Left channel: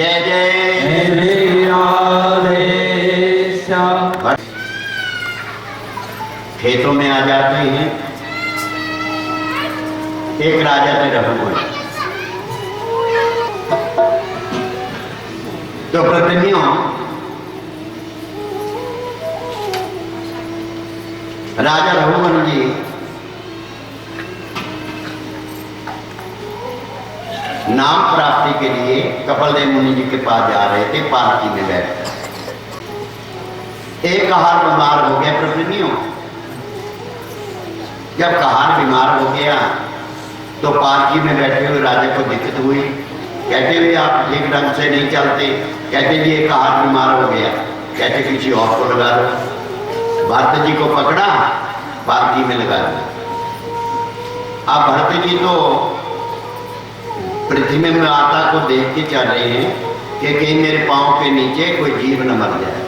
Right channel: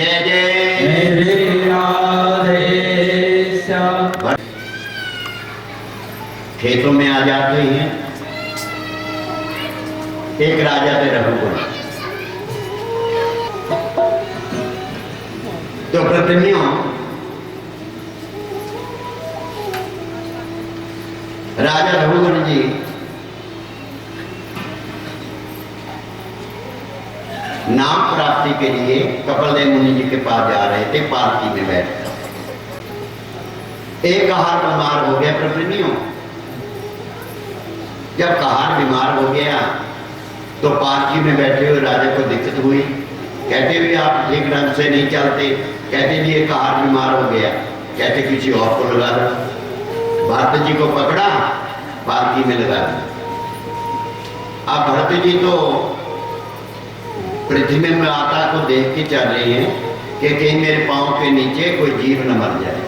जय जय मेरे राधे श्याम। खेतों में आ जाते हैं। एक राजा थे रघुकुल। तो प्रतिनियों राजा रघुकुल जी नाम प्राप्ति के लिए कपिलदेव मुनि जी के पास जा रहे थे। पालकी में बैठकर एक कहार बीमार हो गया। प्रतिनियों जब कहार बीमार हो गया तो पालकी में बैठे हुए राजा को दिक्कत हुई। कहते हुए आप ठीक ढंग से नहीं चलते। कहते जी एक कहार बीमार हो गया। कहते किसी और को लगा दो। भरत जी को पकड़ा, पालकी में लगा दिया। अब भरत जी तो पृथ्वी में माता को देख के चल रहे हैं कि कहीं मेरे पांव के नीचे कोई जीव न मर जाए।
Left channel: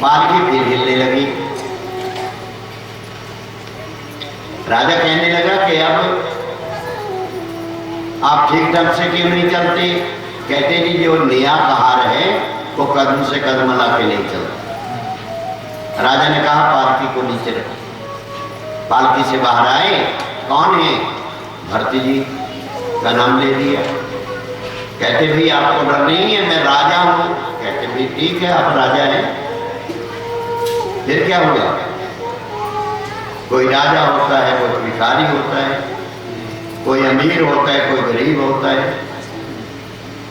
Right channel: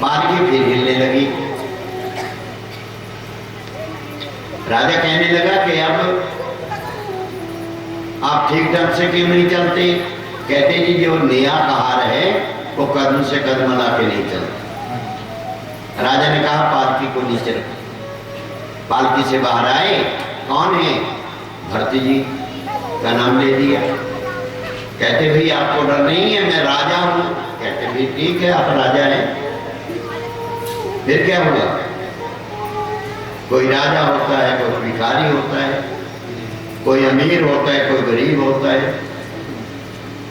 पालकी फिर हिलने लगी। राजा कहने लगा कि अब आप ठीक ढंग से क्यों नहीं चलते। कहते जी जो नया कहार है वो कदम से कदम ला के नहीं चलता। राजा ने कहा पालकी को नीचे रखो। पालकी से बाहर आए। कौन है? भरत जी का नाम ले लिया। कहते भाई आपको डर नहीं है, मैं राजा हूं। कहते भाई ठीक है आप राजा हैं। फिर क्या हुआ? कोई राजा होता है, कोई भिखारी होता है, कोई अमीर होता है, कोई गरीब होता है।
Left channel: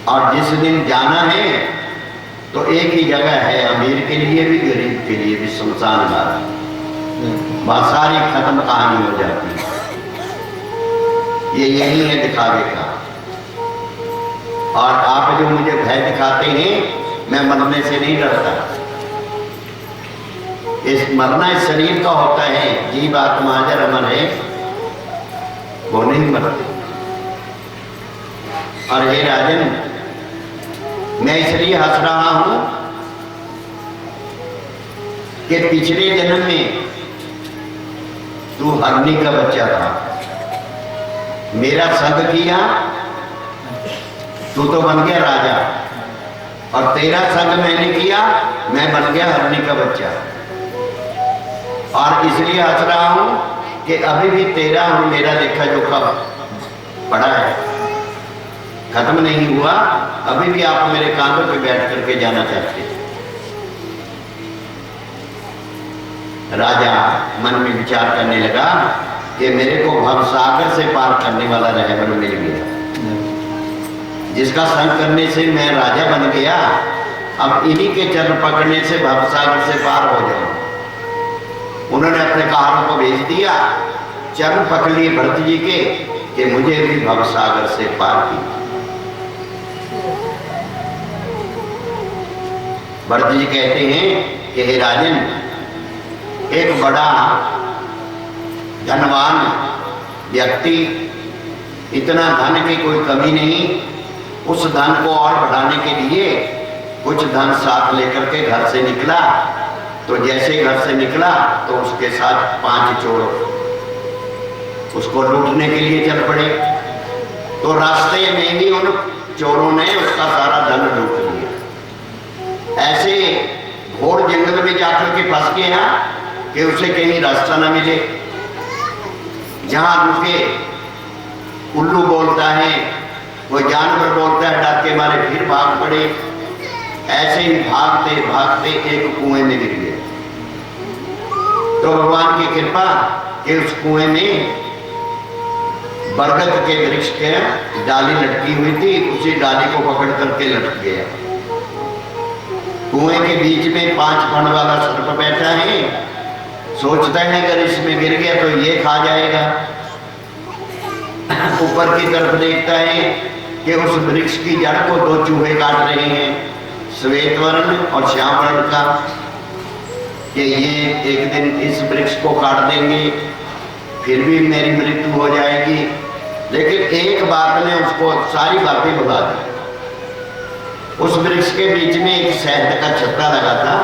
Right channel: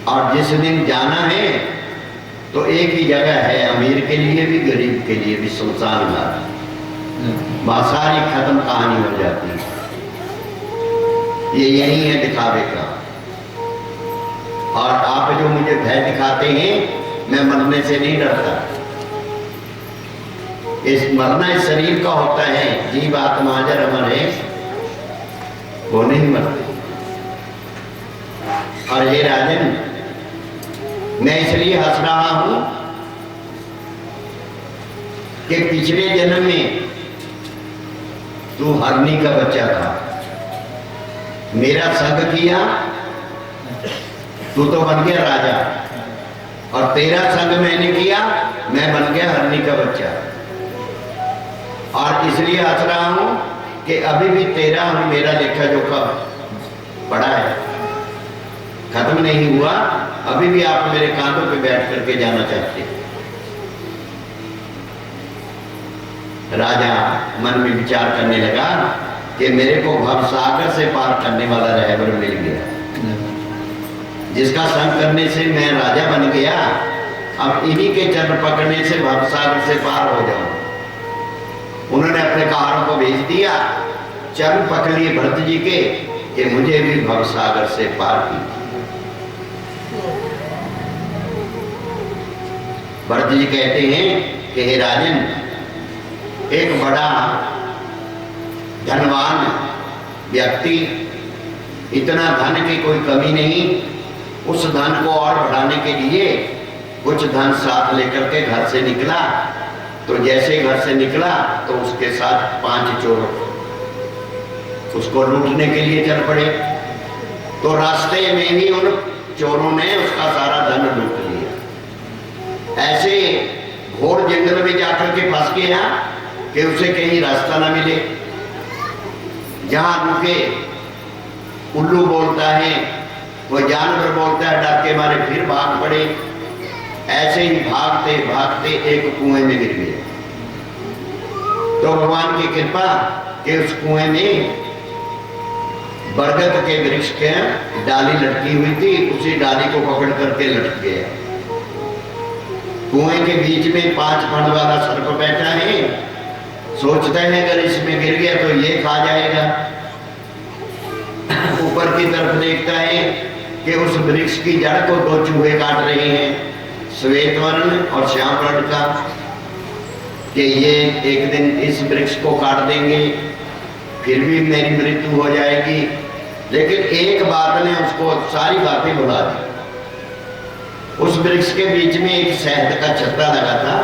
और जिस दिन जाना है तो एक ही जगह है, अमीर के लिए भी गरीब के लिए भी, शमशान घाट। वहां सारी खत्म कहानी हो जाती है। ये यही है दिखावे का। और आप जो मुझे भय दिखाते हैं, मैं मरने से नहीं डरता। इस मरना इस शरीर का होता है। जीव आत्मा जर अमर है, वो नहीं मरते। और हे राजन, मैं इसलिए हंस रहा हूं कि पिछले जन्म में तू हरनी का बच्चा था, मेरा संग किया, तू तो बन गया राजा। और तेरा संग मैंने किया, मैं बन गया हरनी का बच्चा। और इसलिए हंस रहा हूं कि अभी भी तेरा और मेरा लेखा जोखा पड़ा है, खत्म नहीं हुआ। अभी भी आप मेरे कांधों पे बैठ करके जाना चाहते। राजा मन में विचार करने लगा कि मेरे को भवसागर से पार करने वाला रहबर मिल गया, जिसका संग करने से मैं राजा बन गया। अब इन्हीं के चरण पकड़ने से भवसागर से पार हो जाऊं। उन्होंने अपने कहारों को भेज दिया। चरण पकड़ लिए भरत जी के कि मुझे भी भवसागर से पार की। भरत जी कहते हैं कि हे राजन, एक बड़ा धनवान व्यक्ति, इतना धन की कोई कमी नहीं, उस धन को और बढ़ाने के लिए कुछ धन साथ लेकर के घर से निकला। तो जैसे घर से निकला तो उसके साथ 5 चोर उसको लूटने के लिए चल पड़े। तो रास्ते में ही उन चोरों ने उसका सारा धन लूट लिया। ऐसे घोर जंगल में जाकर के फंस गया कि उसे कहीं रास्ता न मिले। जहां रुके, उल्लू बोलता है, वो जानवर बोलता है, डर के मारे फिर भाग पड़े। ऐसे ही भागते भागते एक कुएं में गिर गए। तो भगवान की कृपा कि उस कुएं में बरगद के वृक्ष के डाली लटकी हुई थी। उसी डाली को पकड़ करके लटक गया। कुएं के बीच में 5 फण वाला सर्प बैठा है। सोचता है अगर इसमें गिर गया तो ये खा जाएगा। ऊपर की तरफ देखता है कि उस वृक्ष की जड़ को 2 चूहे काट रहे हैं, श्वेत वर्ण और श्याम वर्ण का, कि ये एक दिन इस वृक्ष को काट देंगे, फिर भी मेरी मृत्यु हो जाएगी। लेकिन एक बात ने उसको सारी बातें भुला दी। उस वृक्ष के बीच में एक शहद का छत्ता लगा था।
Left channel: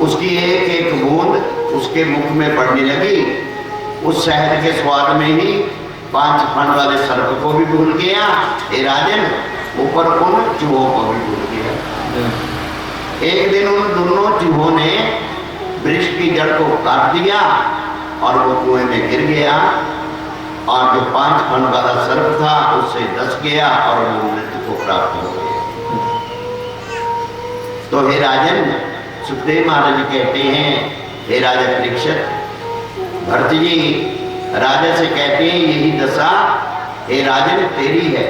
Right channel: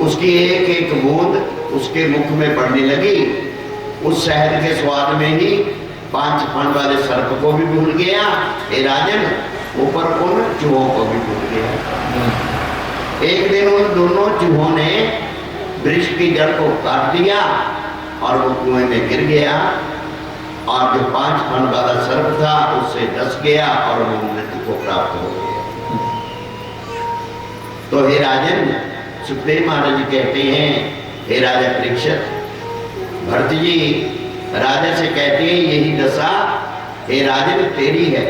उसकी एक एक बूंद उसके मुख में पड़ने लगी। उस शहद के स्वाद में ही 5 फण वाले सर्प को भी भूल गया। हे राजन, ऊपर उन चूहों को भी भूल गया। एक दिन उन दोनों चूहों ने वृक्ष की जड़ को काट दिया और वो कुएं में गिर गया, और जो 5 फन वाला सर्प था उससे डस गया और वो मृत्यु को प्राप्त हो गया। तो हे राजन, सुखदेव महाराज कहते हैं, हे राजा परीक्षित, भरत जी राजा से कहते हैं यही दशा हे राजन तेरी है।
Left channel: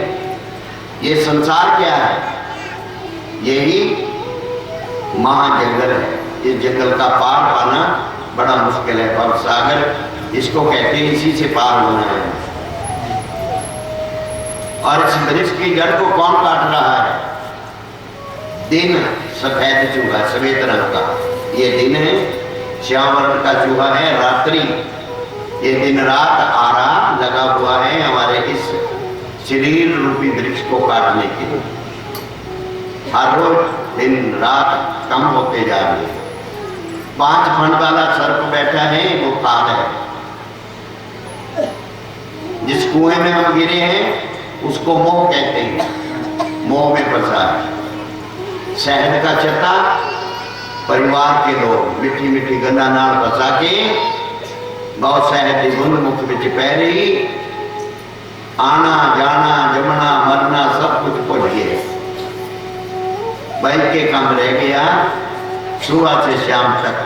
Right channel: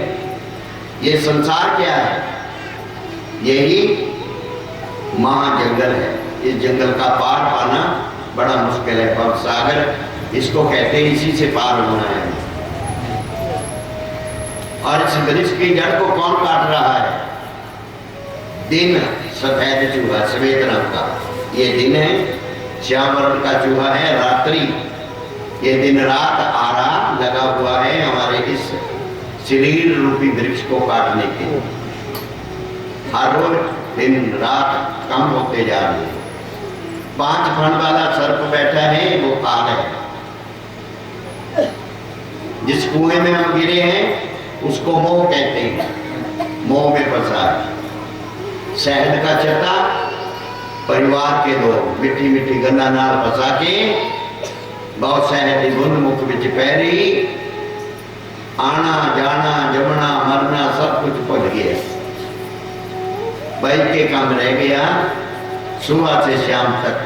ये संसार क्या है? यही महाजंगल है। इस जंगल का पार पाना बड़ा मुश्किल है। भव सागर इसको कहते हैं, इसी से पार होना है। और इस वृक्ष की जड़ को कौन काट रहा है? दिन सफेद चूहा, सफेद रंग का ये दिन है, श्याम वर्ण का चूहा है रात्रि। ये दिन रात आराम लगा हुआ है हमारे इस शरीर रूपी वृक्ष को काटने के लिए। हर रोज दिन रात कम होते जा रही है। 5 फन वाला सर्प बैठा है, वो काल है। जिस कुएं में हम गिरे हैं उसको मोह कहते हैं, मोह में फंसा है। शहद का चट्टा परिवार के लोग मिट्टी मिट्टी गंदा नाल फंसा के बहुत शहद की बूंद मुख विच पै रही, आना जाना जमना मरना सब कुछ भुल गया। बैठ के काम रह गया। सुबह से शाम तक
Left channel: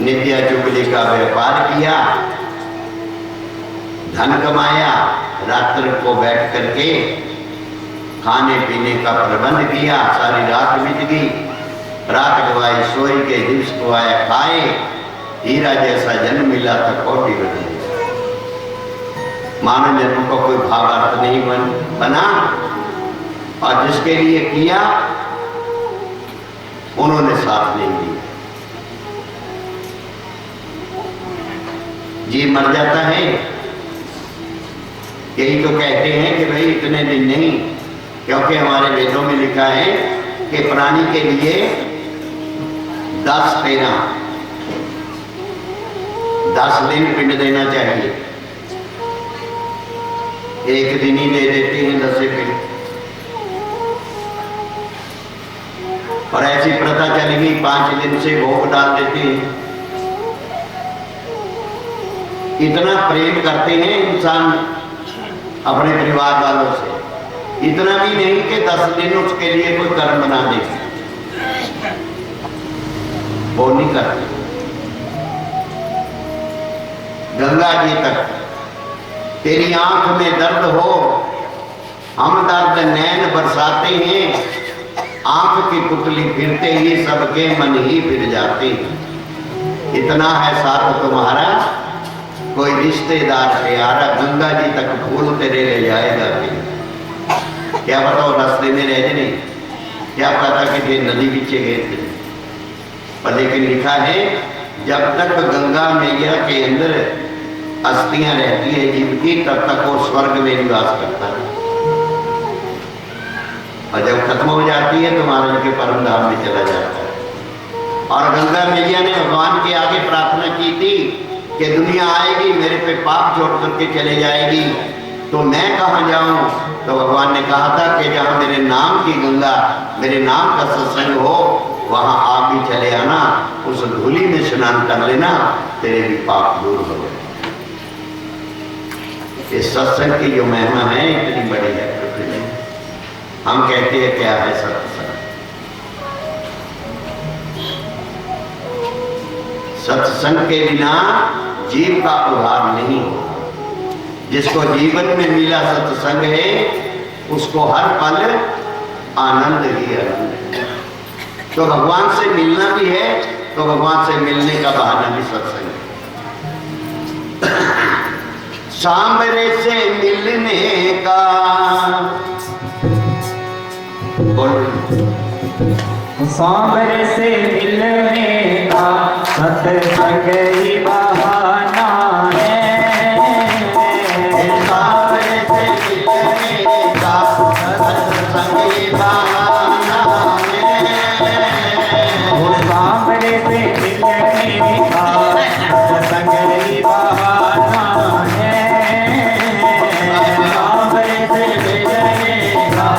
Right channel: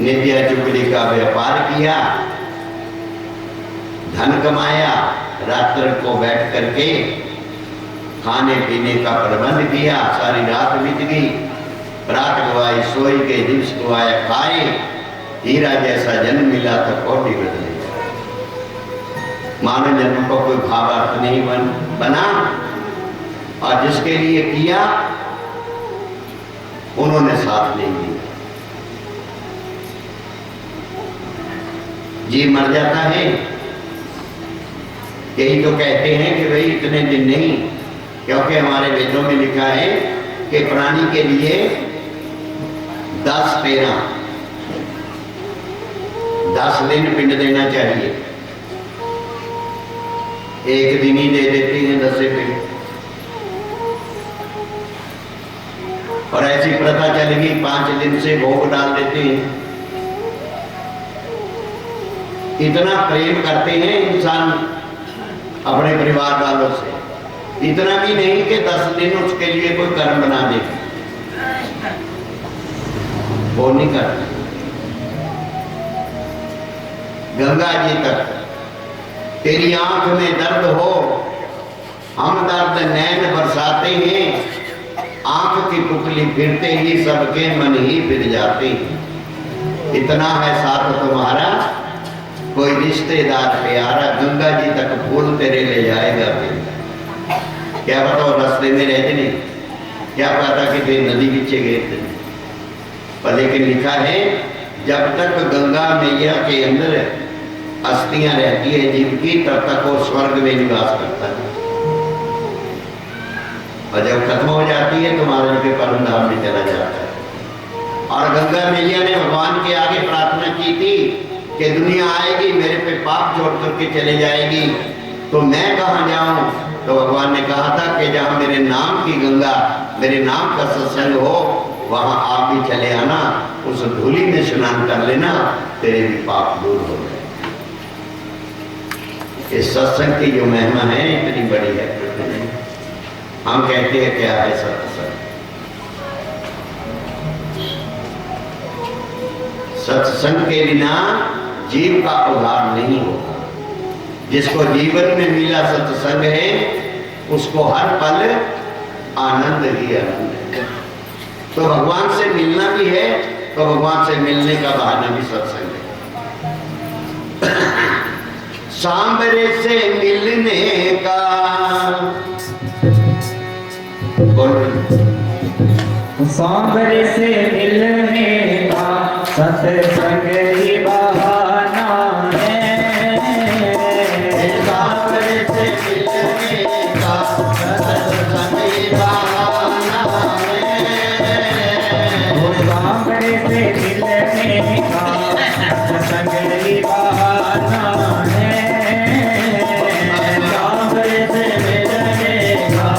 नित्या चुगली का व्यापार किया, धन कमाया, रात्र को बैठ करके खाने पीने का प्रबंध किया। सारी रात बीत गई, रात गवाई सोई के, दिवस गवाया खाए। हीरा जैसा जन्म मिला तो कोटि बदली। मानव जन्म को कोई भावार्थ नहीं बना, और जिसके लिए किया उन्होंने साथ नहीं दिया। जी मर जाता है। यही तो कहते हैं कि भाई इतने दिन नहीं, क्योंकि हमारे वेदों में लिखा है कि प्राणी के लिए 10 दिन पिंड देना चाहिए। एक दिन ही दे देते हैं 10 पिंड, और ऐसी प्रथा चल गई 5 दिन से भोग डाल देते हैं। इतना प्रेम करते हैं इंसान अपने परिवार वालों से, इतना भी नहीं कि 10 दिन उसके लिए कोई कर्म बना दे, वो नहीं करते। गंगा जी तक तेरी आंख में दर्द हो, हम दर्द नैन बरसाते हैं। आंख की पुतली फिरते ही सबके मन ही फिर जाते हैं। इतना है साथ तुम्हारा, कोई रिश्तेदार प्यारा, गंगा जी तक फूल तेरे ले जाएगा। क्या बताओ रास्ते में रह जाने, क्या पता कि वे नदी पीछे गए थे। पर लेकिन लिखा है जब तक गंगा मैया के अंदर अस्थियां रहती है जीव की, तब तक वो स्वर्ग में निवास करता है, और जब खत्म हो जाती है तो महाराज के परम धाम में चला जाता है। और गंगा मैया ने भगवान के आगे प्रार्थना की थी कि दुनिया आएगी मेरे पे पाप जोड़ करके चले जाएगी, तो मैं कहाँ जाऊं? तो भगवान ने कहा था कि जहाँ मेरे नाम की गंगा, मेरे नाम का सत्संग हो, वहां आप भी चले आना, उस धूली में स्नान कर लेना, तेरे भी पाप दूर हो जाए। इस सत्संग की जो महिमा है इतनी बड़ी है पृथ्वी में। हम कहते हैं क्या है सत्संग? सत्संग के बिना जीव का उद्धार नहीं होगा। जिसको जीवन में मिला सत्संग है उसको हर पल आनंद ही आनंद है। तो भगवान से मिलना भी है, तो भगवान से मिलने का बहाना भी सत्संग है। सांबरे से मिलने का सांबरे से मिलने का सत्संग ही बहाना है। सांबरे से मिलने का सत्संग ही बहाना है। सांबरे से मिलने का सत्संग ही बहाना है। सांबरे से मिलने का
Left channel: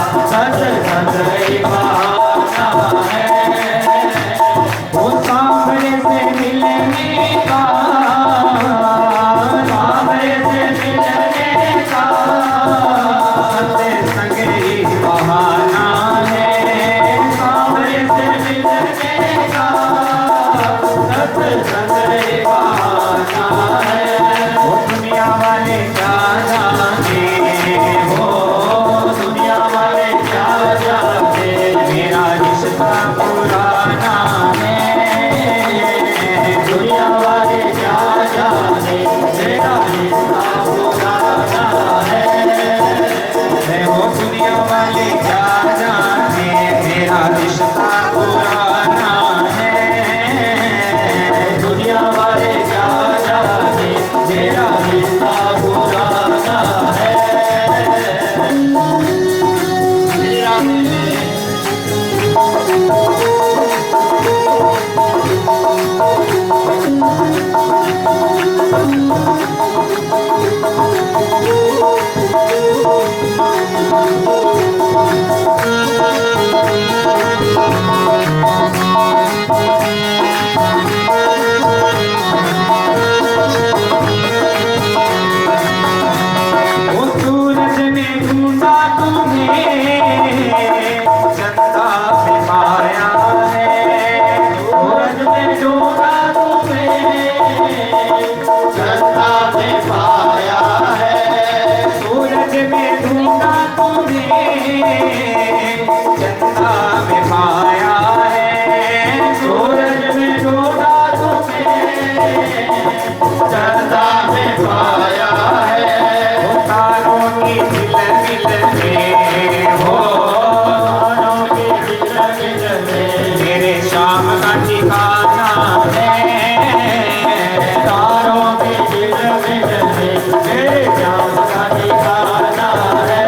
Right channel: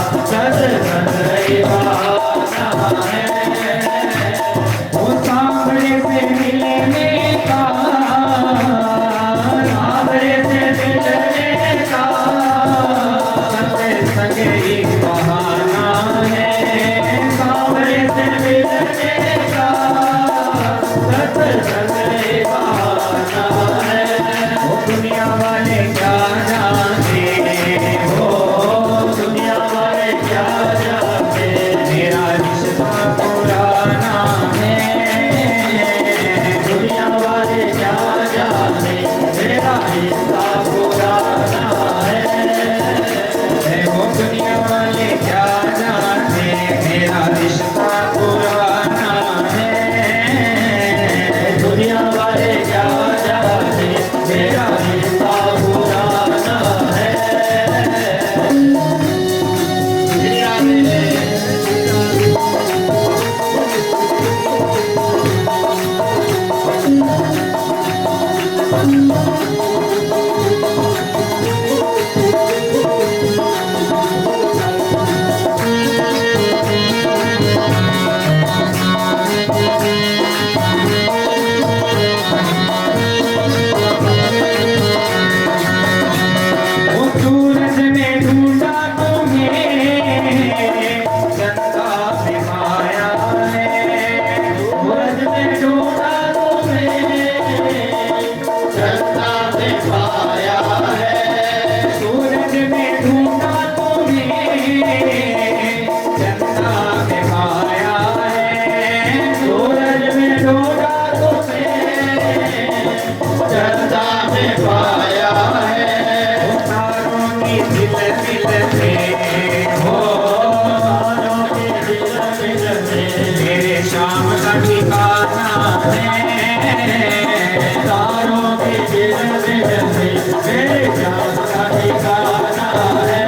रिश्ता पुराना है। श्री राधे। वो सूरज ने ढूंढा तुम्हें, चंदा में पाया है। सूरज ने ढूंढा तुम्हें, चंदा ने पाया है। सूरज ने ढूंढा तुम्हें, चंदा में पाया है। सूरज ने ढूंढा तुम्हें, चंदा ने पाया है। वो तारों की झिलमिल में हो, तारों की झिलमिल में मेरे शाम का ठिकाना है। तारों की झिलमिल में मेरे शाम का ठिकाना है।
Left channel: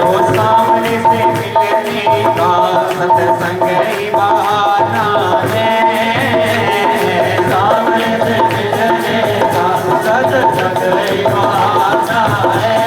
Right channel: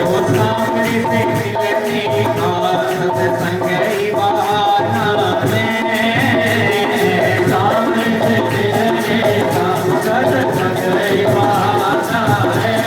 वो सामने से मिलने का सत्संग ही बहाना है। सामने से मिलने का सत्संग ही बहाना है।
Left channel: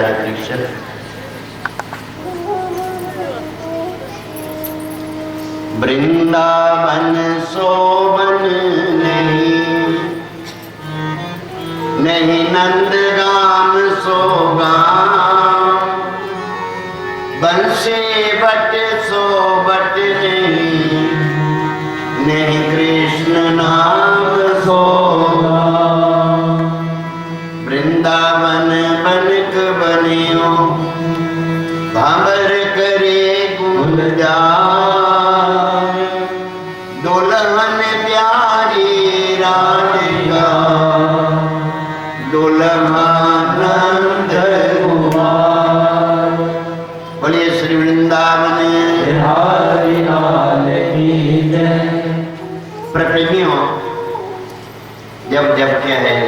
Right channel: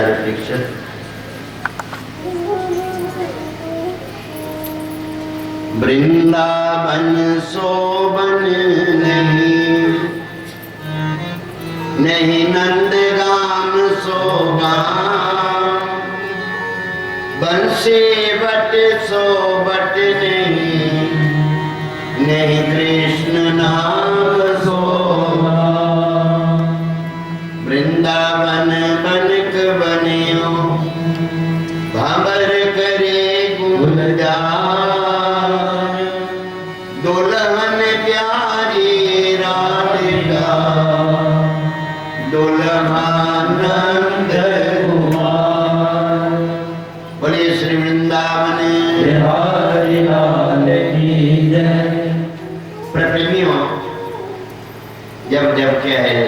राजा परीक्षित, वृंदावन शोभन नहीं, नहीं नंदगाम सोगाम, बंसे बट सोबट नहीं, नहीं कृष्ण नाम सोगाम। वृंदावन बनक बनियो, भावर करे गुलजार, दुल्हन प्यारी राधिका, दुल्हानंद कुमार। बोलिए श्री वृंदावन बिहारी लाल की जय। प्रेमियों, जब क्या है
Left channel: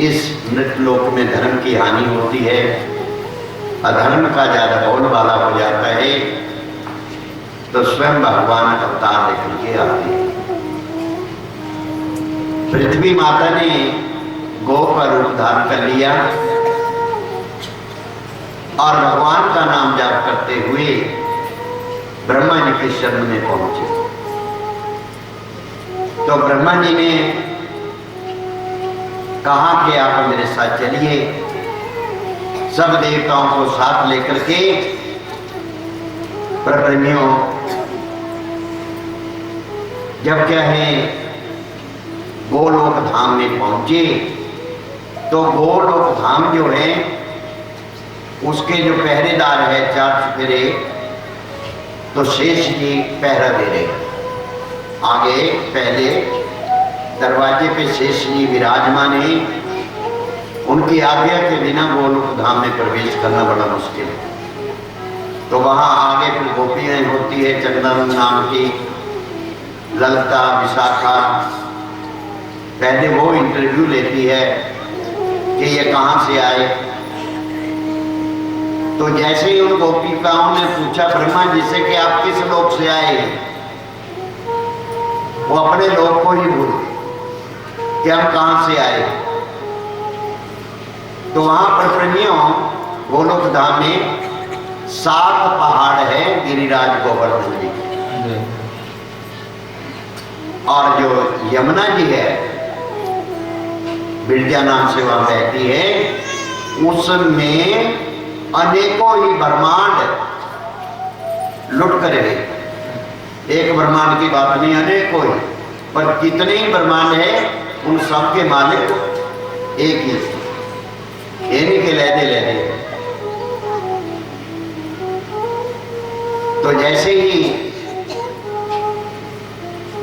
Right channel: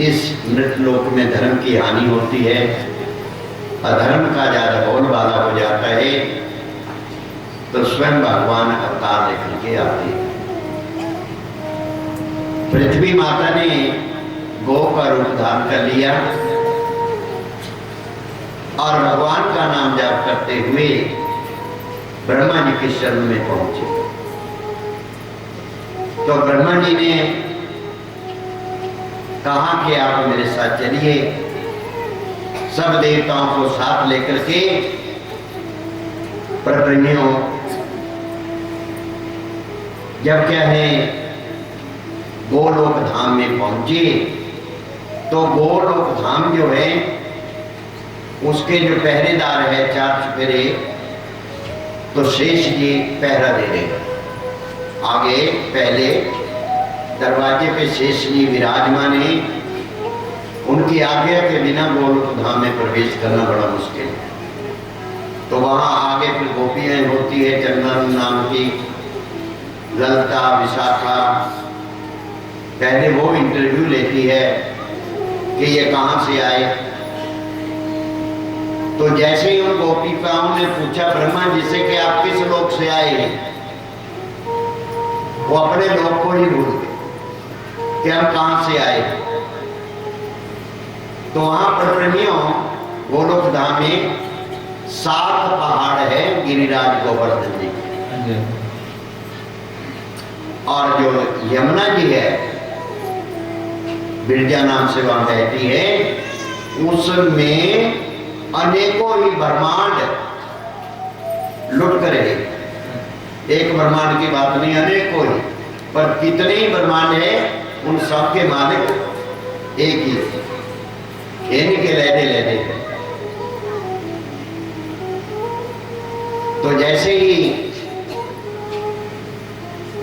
इस नृत्यलोक में धर्म की हानि होती है, अधर्म का ज्यादा बोलबाला हो जाता है, तो स्वयं भगवान अवतार लेकर के आते हैं। पृथ्वी माता ने गौ का रूप धारण कर लिया और भगवान का नाम जाप करते हुए ब्रह्मा जी के शरण में पहुंचे। तो ब्रह्मा जी ने कहा कि आप मेरे साथ चलिए, सब देवताओं को साथ लेकर के। प्रेमियों, जब क्या है गोलोक धाम में पहुंचे, तो गोलोक धाम जो है उसके जो पहरेदार है चार चुफेरे, तो शेष जी पहरा दे रहे। आगे पहले दरवाजे पे शेष जी विराजमान है, उनकी आज्ञा के बिना गोलोक धाम में प्रवेश करना बड़ा मुश्किल है। तो वहां आगे फिर गोपियां होती है, चंदन नाम की, ललता, विशाखा। पहले वो इंटरव्यू लेती है कि ये कहां से आए। तो जैसे ही उन गोपिकाओं ने पूछा ब्रह्मा जी से कि आप किस लोक से आए हैं, वो अपने लोक को ही भूल गए कि हम कहां से आए। तो वहां पर प्रेमियों गोलोक धाम में 7 पहाड़ है गिरिराज गोवर्धन जी, और जो यमुना जी है बिरजा नाम से वहां बहती है, उसमें अनेकों ही ब्रह्मांड लुट कर है। एक ब्रह्मांड की बात नहीं, अनेकों ही, पर कितने ही ब्रह्मांड है उन सब के मालिक एक ही, इन्हीं के लेदे। तो जैसे ही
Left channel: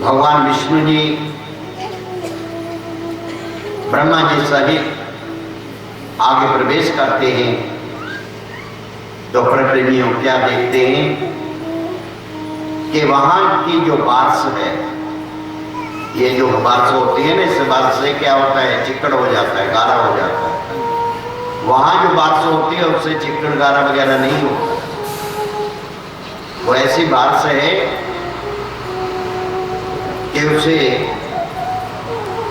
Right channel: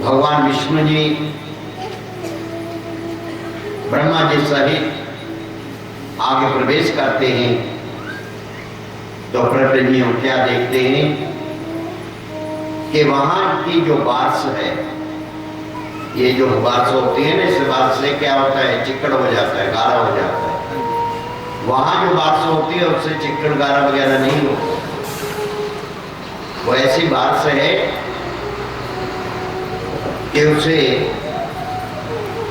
भगवान विष्णु जी ब्रह्मा जी सहित आगे प्रवेश करते हैं, तो प्रेमियों क्या देखते हैं कि वहां की जो बारिश है, ये जो बारिश होती है ना, इस बारिश से क्या होता है, चिक्कड़ हो जाता है, गारा हो जाता है। वहां जो बारिश होती है उससे चिक्कड़ गारा वगैरह नहीं होता। वो ऐसी बारिश है कि उसे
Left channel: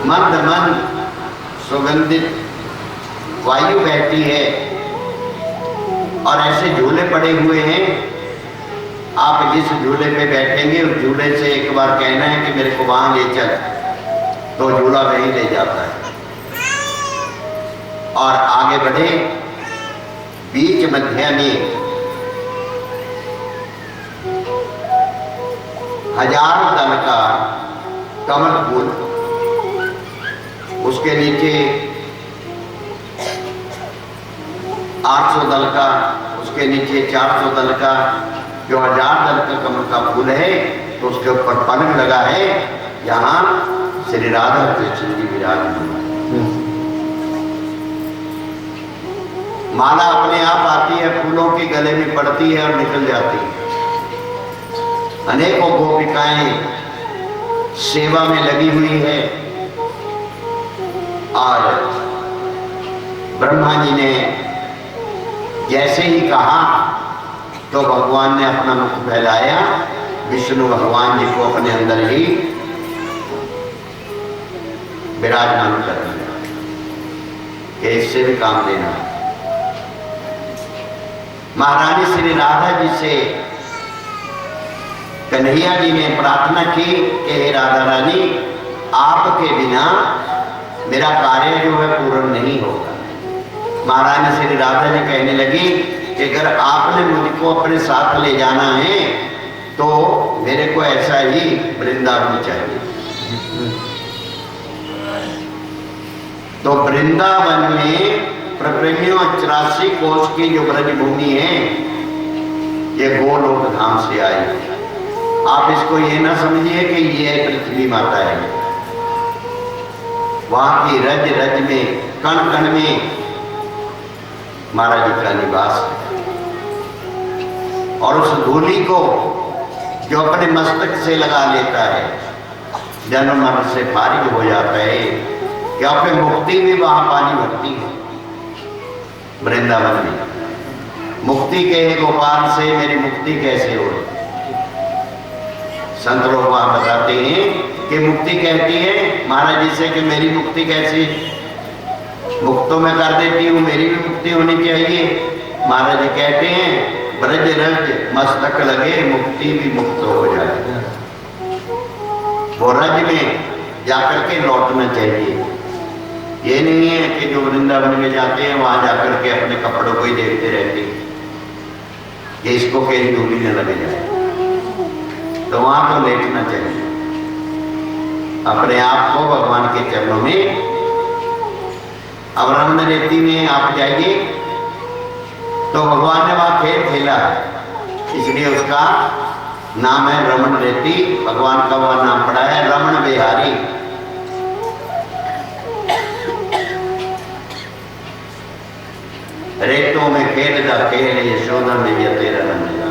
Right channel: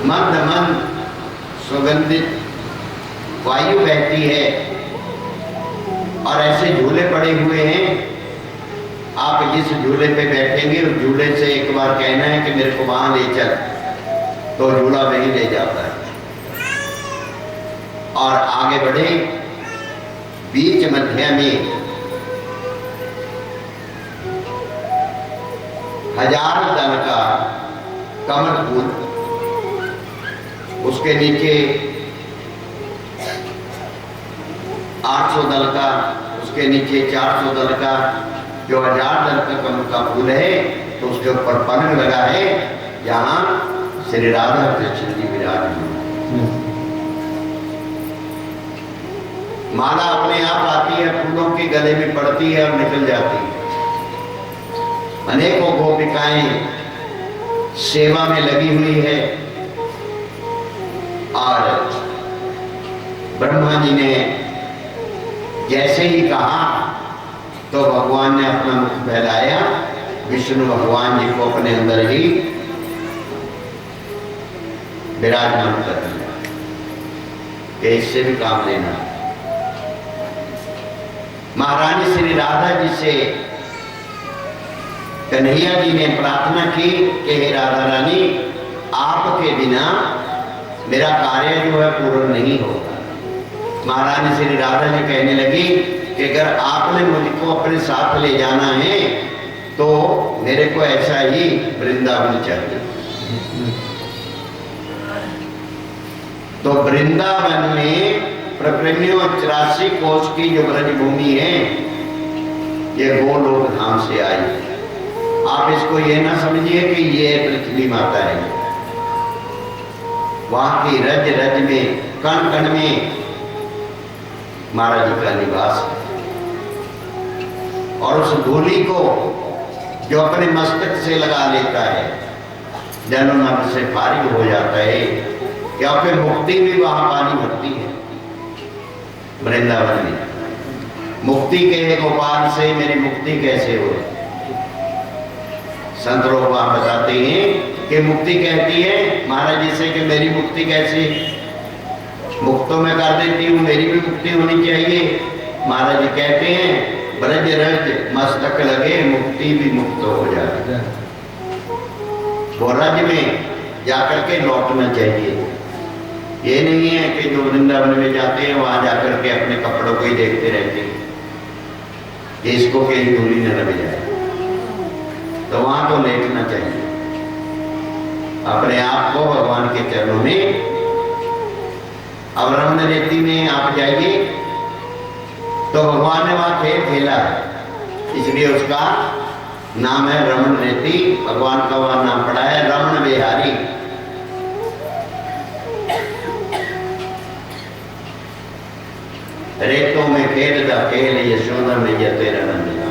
मंद मंद सुगंधित वायु बहती है, और ऐसे झूले पड़े हुए हैं। आप जिस झूले पे बैठेंगे उस झूले से एक बार कहना है कि मेरे को वहां ले चल, तो झूला वहीं ले जाता है। और आगे बढ़े, बीच मध्य में 1000 दल का कमल फूल, उसके नीचे 800 दल का, उसके नीचे 400 दल का, जो 1000 दल का कमल का फूल है, तो उसके ऊपर पलंग लगा है, यहाँ श्री राधा कृष्ण जी विराजमान। माला अपने आप आती है, फूलों की गले में पड़ती है और निकल जाती है। अनेकों गोपिकाएं सेवा में लगी हुई है, और ब्रह्मा जी ने जैसे ही कहा तो भगवान ने अपना मुख फैलाया, विष्णु भगवान जी को अपने अंदर ही विराजमान कर दिया कि इससे भी काम लेना। महारानी श्री राधा जी से कन्हैया जी ने प्रार्थना की कि हे राधा रानी, आपके बिना मेरा कार्य जो है पूर्ण नहीं होगा। महारानी श्री राधा जी कहने लगी कि अगर आपने मुझको अपने साथ ले जाना है तो मेरे को ऐसा ही वृंदावन चाहिए। तो वृंदावन में प्रप्रेमियों 84 कोष की जो ब्रज भूमि है, ये गोलोक धाम से आई है। आप इसको ये ना समझिए कि ये पृथ्वी माता है। वहां की रज रज में, कण कण में महाराज जी का निवास है। और उस धूलि को जो अपने मस्तक से लगा लेता है, जन्म मरण से फारिग हो जाता है, क्योंकि मुक्ति भी वहां पानी भरती है। वृंदावन में मुक्ति के गोपाल से मेरी मुक्ति कैसे हो? संत लोग वहां बताते हैं कि मुक्ति कहती है महाराज जी से कि मेरी मुक्ति कैसे? मुक्त तो मैं कर देती हूँ, मेरी भी मुक्ति होनी चाहिए। महाराज जी कहते हैं ब्रज रज मस्तक लगे, मुक्ति भी मुक्त हो जाए। वो रज में जाकर के लौटना चाहिए। ये नहीं है कि जो वृंदावन में जाते हैं वहां जाकर के अपने कपड़ों को ही देखते रहते हैं कि इसको कहीं धूली न लग जाए। तो वहां तो लेटना चाहिए, अपने आप को भगवान के चरणों में। अब रमण रेती में आप जाइए तो भगवान ने वहां खेल खेला है, इसलिए उसका नाम है रमण रेती। भगवान का वह नाम पड़ा है रमण बिहारी। रेतों में खेल दा खेल, यशोदा में ये तेरा मिला।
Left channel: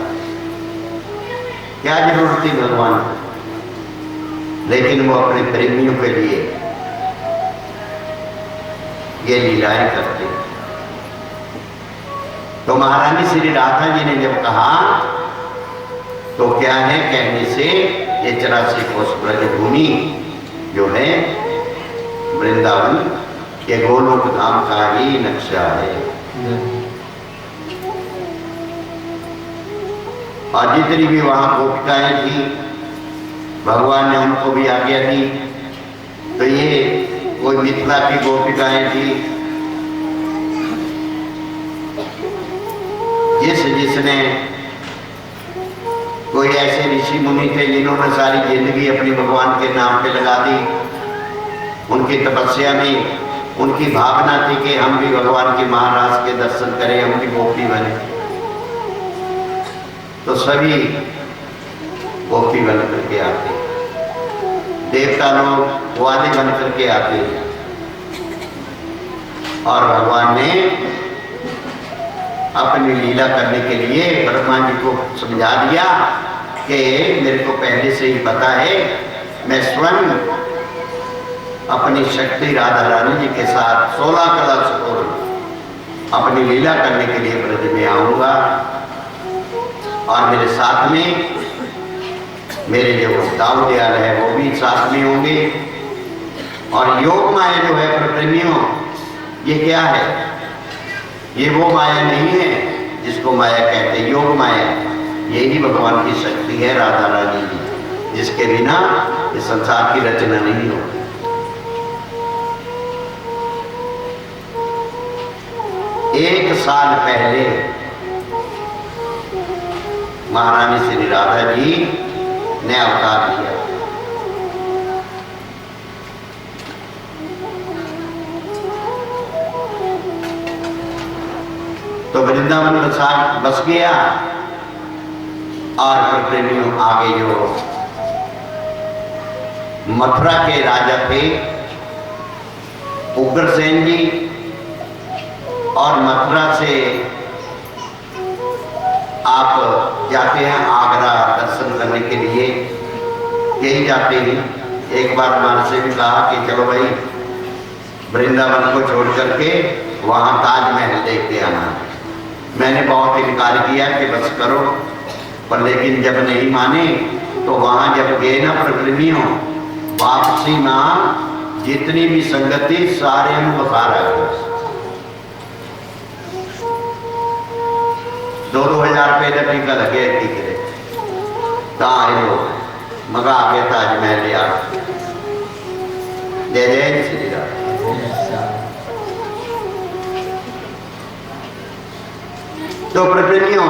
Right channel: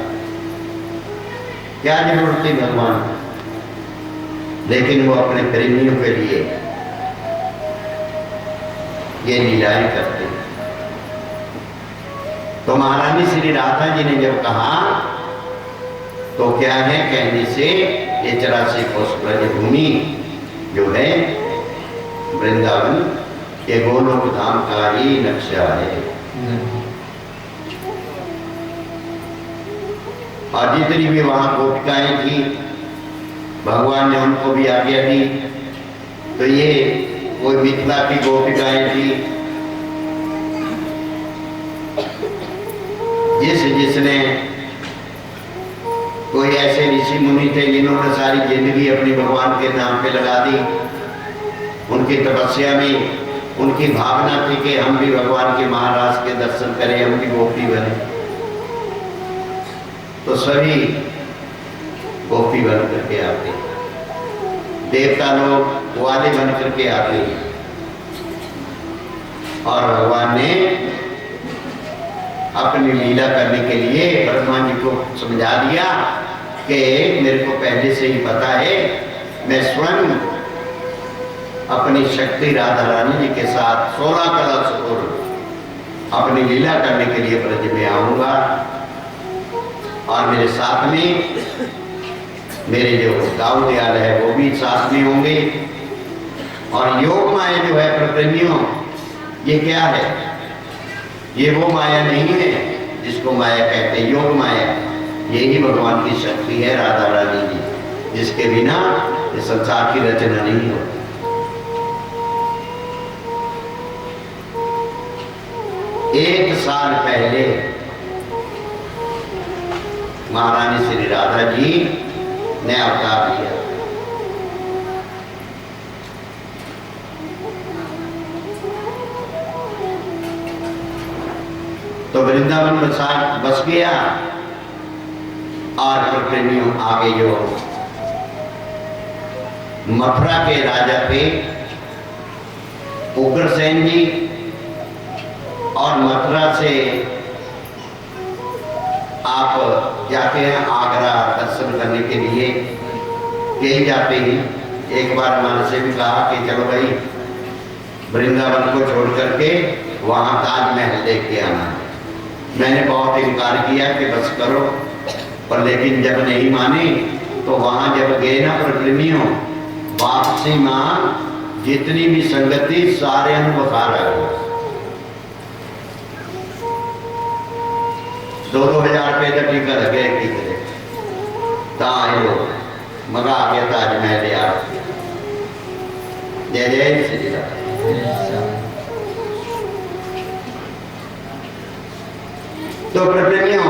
क्या जरूरत थी भगवान, लेकिन वो अपने प्रेमियों के लिए ये लीलाएं करते। तो महारानी श्री राधा जी ने जब कहा तो क्या है, कहने से ये 84 कोष ब्रज भूमि जो है वृंदावन, ये गोलोक धाम का ही नक्शा है। और जितनी भी वहां गोपिकाएं थी, भगवान ने उनको भी आज्ञा दी। तो ये कोई मिथिला की गोपिकाएं थी, जिसने कोई ऐसे ऋषि मुनि थे जिन्होंने सारी जिंदगी अपनी भगवान के नाम पे लगा दी। उनकी तपस्या में उनकी भावना थी कि हम भी भगवान के महाराज के दर्शन करें, हम भी गोपी बने। तो सभी गोपी बन करके आते, देवता लोग ग्वाले बन करके आते। और भगवान ने अपनी लीला करने के लिए ब्रह्मा जी को समझा दिया कि मेरे को पहले से ही पता है, मैं स्वयं अपनी शक्ति राधा रानी जी के साथ 16 कला सुर अपनी लीला करने के लिए ब्रज में आऊंगा। और मेरे साथ में मेरे जो दाऊ दयाल है वो भी साथ में होंगे। और योग माया जो है प्रप्रेमियों, ये क्या है? ये वो माया नहीं है जिसको माया कहते हैं। योग माया यही भगवान की शक्ति है, राधा रानी जी, जिसके बिना ये संसार की रचना नहीं होती। एक साल पहले महारानी श्री राधा जी ने अवतार लिया। तो वृंदावन बस गया। और प्रेमियों आगे जो मथुरा के राजा थे उग्रसेन जी, और मथुरा से आप जाते हैं आगरा दर्शन करने के लिए, यही जाते हैं। एक बार हमारे से भी कहा कि चलो भाई वृंदावन को छोड़ करके वहाँ ताजमहल देख के आना। मैंने बहुत इनकार किया कि बस करो, पर लेकिन जब नहीं माने तो वहाँ जब गए ना प्रेमियों, वापसी में जितनी भी संगति सारे में बुखार आ गए। 2-2 हज़ार रुपये का टीका लगे टीके दे आए लोग मगा आ गया ताजमहल यार। जय जय श्री राम। तो प्रतिनिधियों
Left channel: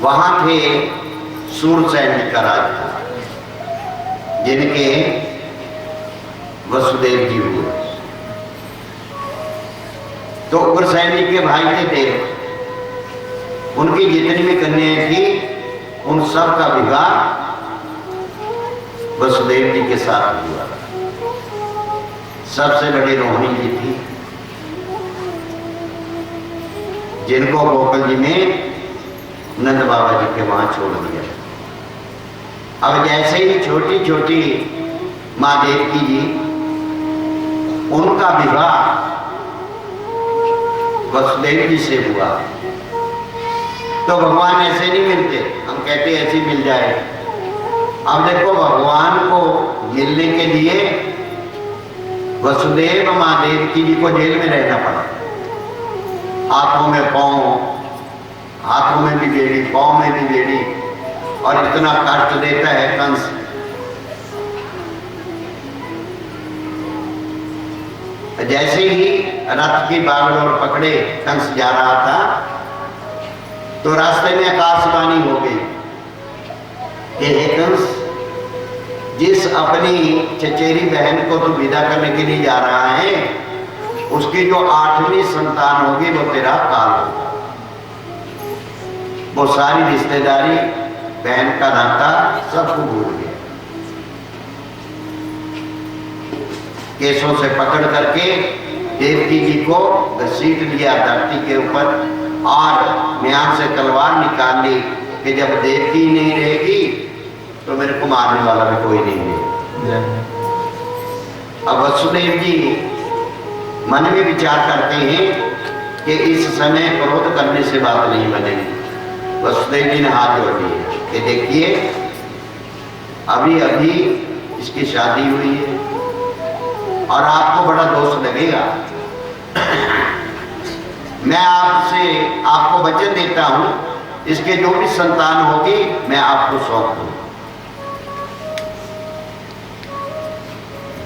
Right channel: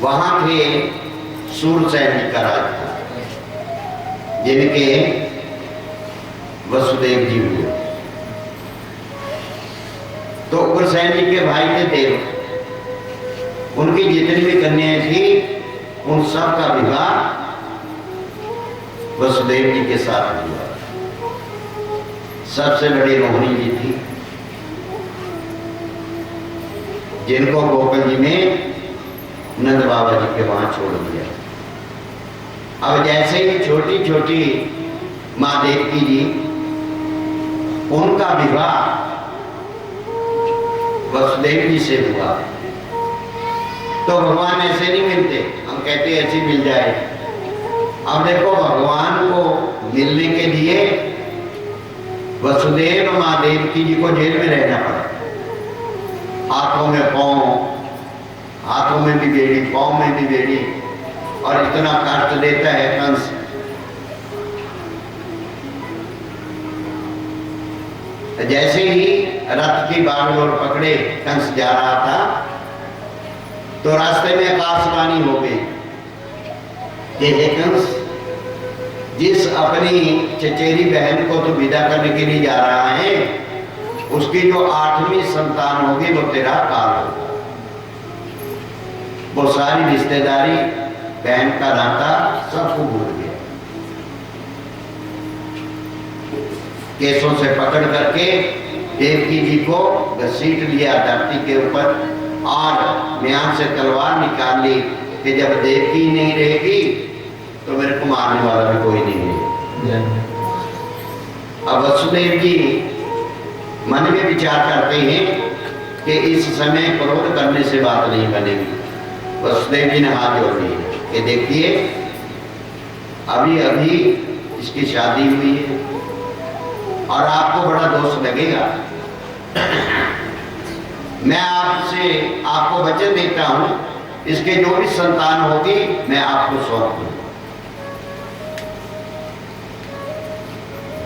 वहां थे सूरसेन का राज था, जिनके वसुदेव जी हुए। तो उग्रसेन जी के भाई थे देव, उनकी जितनी भी कन्याएं थी उन सब का विवाह वसुदेव जी के साथ हुआ। सबसे बड़ी रोहिणी जी थी, जिनको गोकुल जी में नंद बाबा जी के वहां छोड़ दिया। अब जैसे ही छोटी छोटी माँ देवकी जी, उनका विवाह वसुदेव जी से हुआ। तो भगवान ऐसे नहीं मिलते, हम कहते ऐसे मिल जाए। अब देखो भगवान को मिलने के लिए वसुदेव माँ देवकी जी को जेल में रहना पड़ा। हाथों में पांव, हाथों में भी बेड़ी, पांव में भी बेड़ी, और इतना कष्ट देता है कंस। जैसे ही रथ की बागडोर पकड़े कंस जा रहा था, तो रास्ते में आकाशवाणी हो गई कि हे कंस, जिस अपनी चचेरी बहन को तो विदा करने के लिए जा रहा है, उसकी जो 8वीं संतान होगी वो तेरा काल होगा। वो सारी रिश्तेदारी, बहन का नाता सबको भूल गया। केसों से पकड़ करके देवकी जी को घसीट लिया धरती के ऊपर, और म्यान से तलवार निकाल ली कि जब देवकी नहीं रहेगी तो मेरे को मारने वाला भी कोई नहीं है। अब वसुदेव जी मन में विचार करते हैं कि इस समय क्रोध करने से बात नहीं बनेगी। वसुदेव जी ने हाथ जोड़ दिए कि देखिए, अभी अभी इसकी शादी हुई है और आपको बड़ा दोष लगेगा। मैं आपको वचन देता हूं, इसके जो भी संतान होगी मैं आपको सौंप दूं।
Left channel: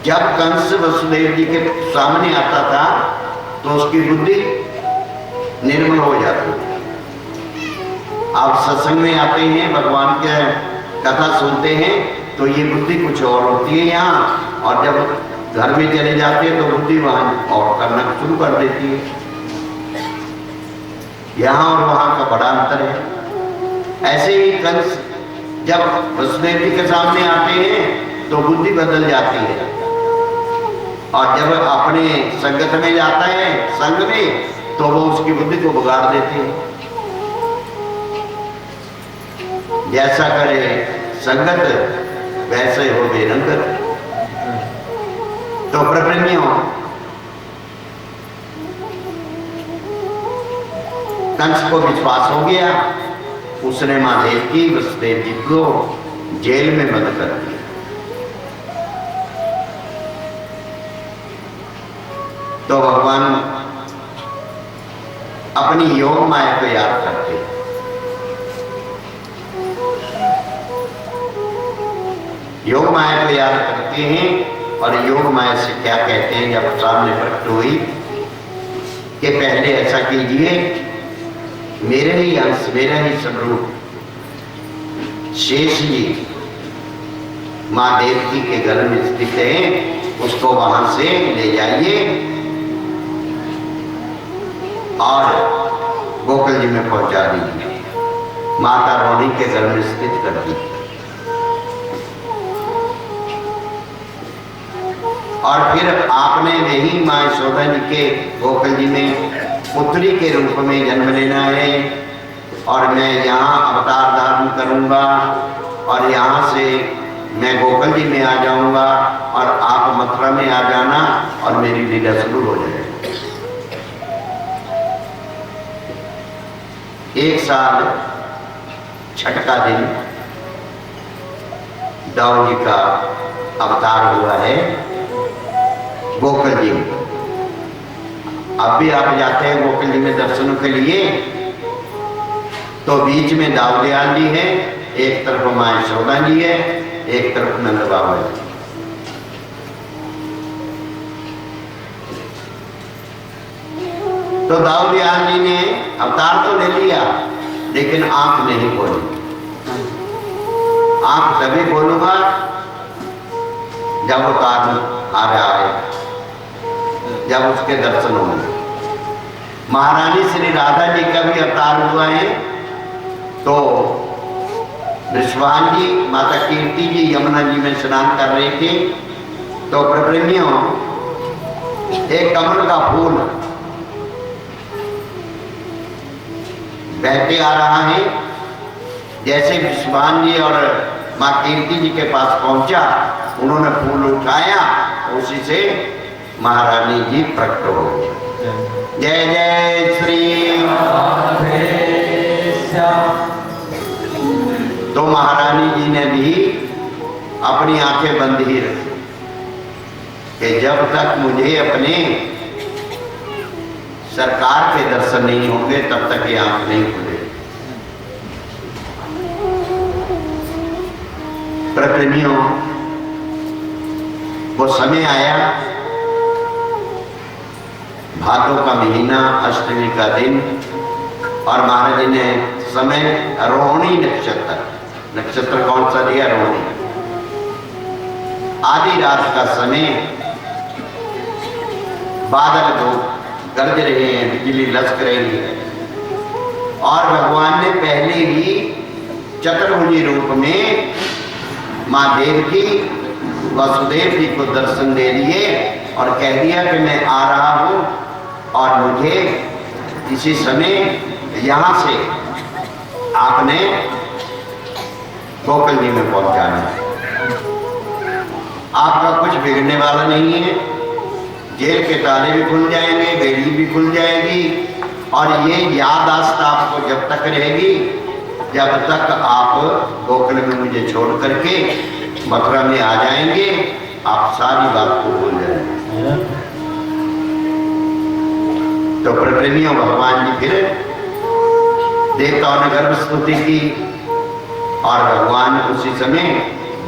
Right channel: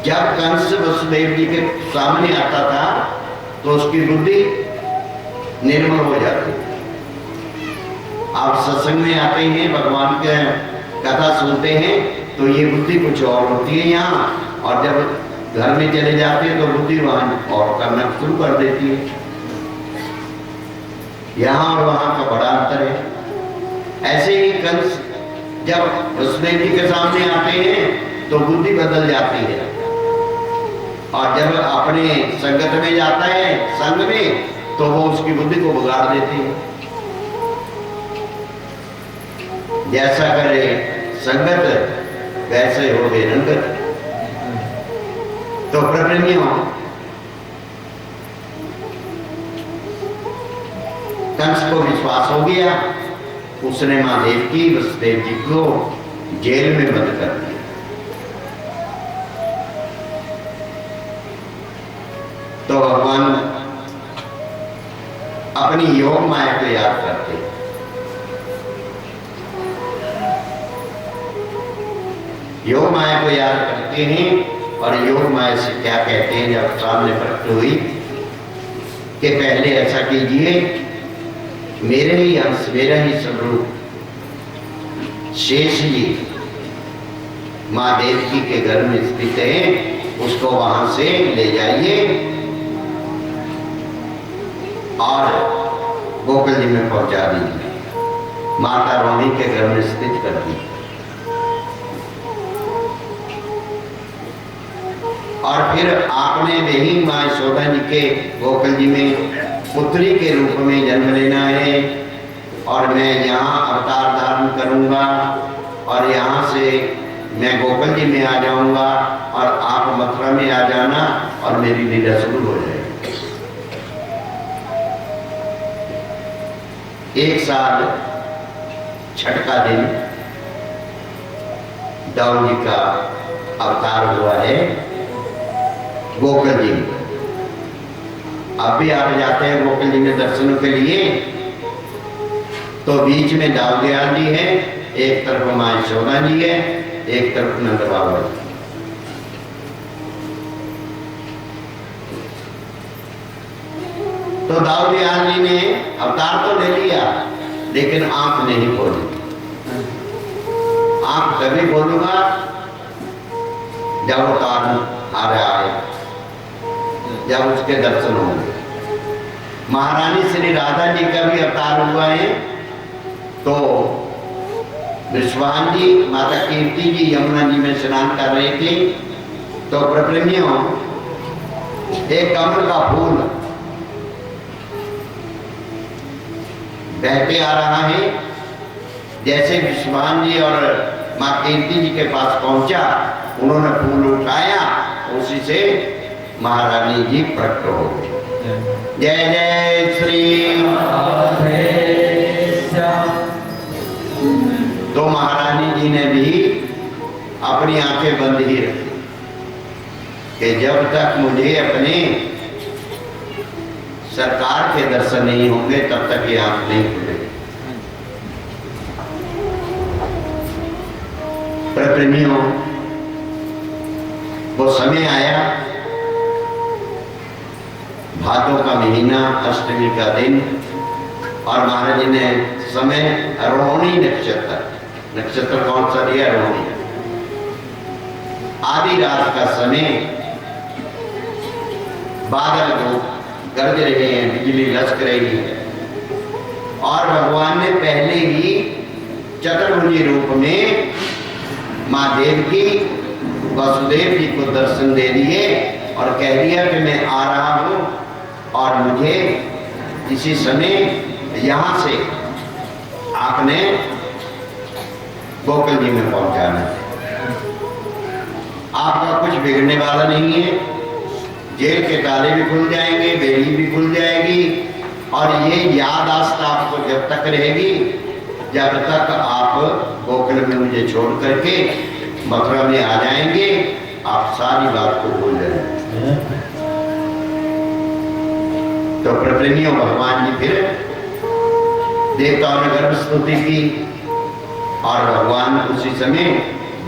जब कंस वसुदेव जी के सामने आता था तो उसकी बुद्धि निर्मल हो जाती है। आप सत्संग में आते हैं, भगवान के कथा सुनते हैं, तो ये बुद्धि कुछ और होती है यहाँ, और जब घर में चले जाते हैं तो बुद्धि वहां और करना शुरू कर देती है। यहाँ और वहां का बड़ा अंतर है। ऐसे ही कंस जब वसुदेव जी के सामने आते हैं तो बुद्धि बदल जाती है, और जब अपने संगत में जाता है, संग में, तो वो उसकी बुद्धि को बिगाड़ देते हैं। जैसा करे संगत वैसे हो वे रंगत। तो प्रतिनिधियों, कंस को विश्वास हो गया, उसने मां देवकी वसुदेव जी को जेल में बंद कर दिया। तो भगवान अपनी योग माया को याद करते हैं। योग माया को याद करते हैं, और योग माया से क्या कहते हैं जब सामने प्रकट हुई कि पहले ऐसा कीजिए, मेरे ही अंश, मेरा ही स्वरूप शेष जी माँ देवकी के घर में स्थित है, उसको वहां से ले जाइए और गोकुल जी में पहुंचा दीजिए, माता रोहिणी के घर में स्थित कर दीजिए। और फिर आपने वही माँ यशोदा जी के गोकुल जी में पुत्री के रूप में जन्म लेना है, और मैं यहाँ अवतार धारण करूँगा, और यहाँ से मैं गोकुल जी में आ जाऊँगा, और आप मथुरा में आ जाना, और मेरी लीला शुरू हो जाएगी। 1 साल छठ का दिन दाऊ जी का अवतार हुआ है गोकुल जी में। अब भी आप जाते हैं गोकुल जी में दर्शनों के लिए, तो बीच में दाऊदयाल जी है, एक तरफ माँ यशोदा जी है, एक तरफ नंद बाबा जी। तो दाऊदयाल जी ने अवतार तो ले लिया, लेकिन आंख नहीं खोली। आंख तभी खोलूंगा जब वो कारण आ रहा है, जब उसके दर्शन होंगे। महारानी श्री राधा जी का भी अवतार हुआ है। तो विश्वान जी, माता कीर्ति जी यमुना जी में स्नान कर रहे थे, तो प्रेमियों एक कमल का फूल बहते आ रहा है। जैसे विश्वान जी और माँ कीर्ति जी के पास पहुंचा, उन्होंने फूल उठाया, उसी से महारानी जी प्रकट हो गए। जय जय श्री राधे श्याम। तो महारानी जी ने भी अपनी आंखें बंद ही रखी कि जब तक मुझे अपने सरकार के दर्शन नहीं होंगे तब तक ये आंख नहीं खुलेगी। प्रेमियों, वो समय आया, भादों का महीना, अष्टमी का दिन, और महाराज जी ने समय रोहिणी नक्षत्र, नक्षत्र कौन सा दिया? रोहिणी। आधी रात का समय, बादल जो गरज रहे हैं, बिजली लचक रही है, और भगवान ने पहले ही चतुर्भुजी रूप में माँ देवकी वसुदेव जी को दर्शन दे दिए और कह दिया कि मैं आ रहा हूँ और मुझे इसी समय यहाँ से आपने गोकुल जी में पहुँचाना है। आपका कुछ बिगड़ने वाला नहीं है। जेल के ताले भी खुल जाएंगे, बेड़ी भी खुल जाएगी, और ये याददाश्त आपको जब तक रहेगी जब तक आप गोकुल में मुझे छोड़ करके मथुरा में आ जाएंगे, आप सारी बात को भूल जाएंगे। तो प्रेमियों, भगवान जी फिर देवताओं ने गर्भ स्तुति की, और भगवान उसी समय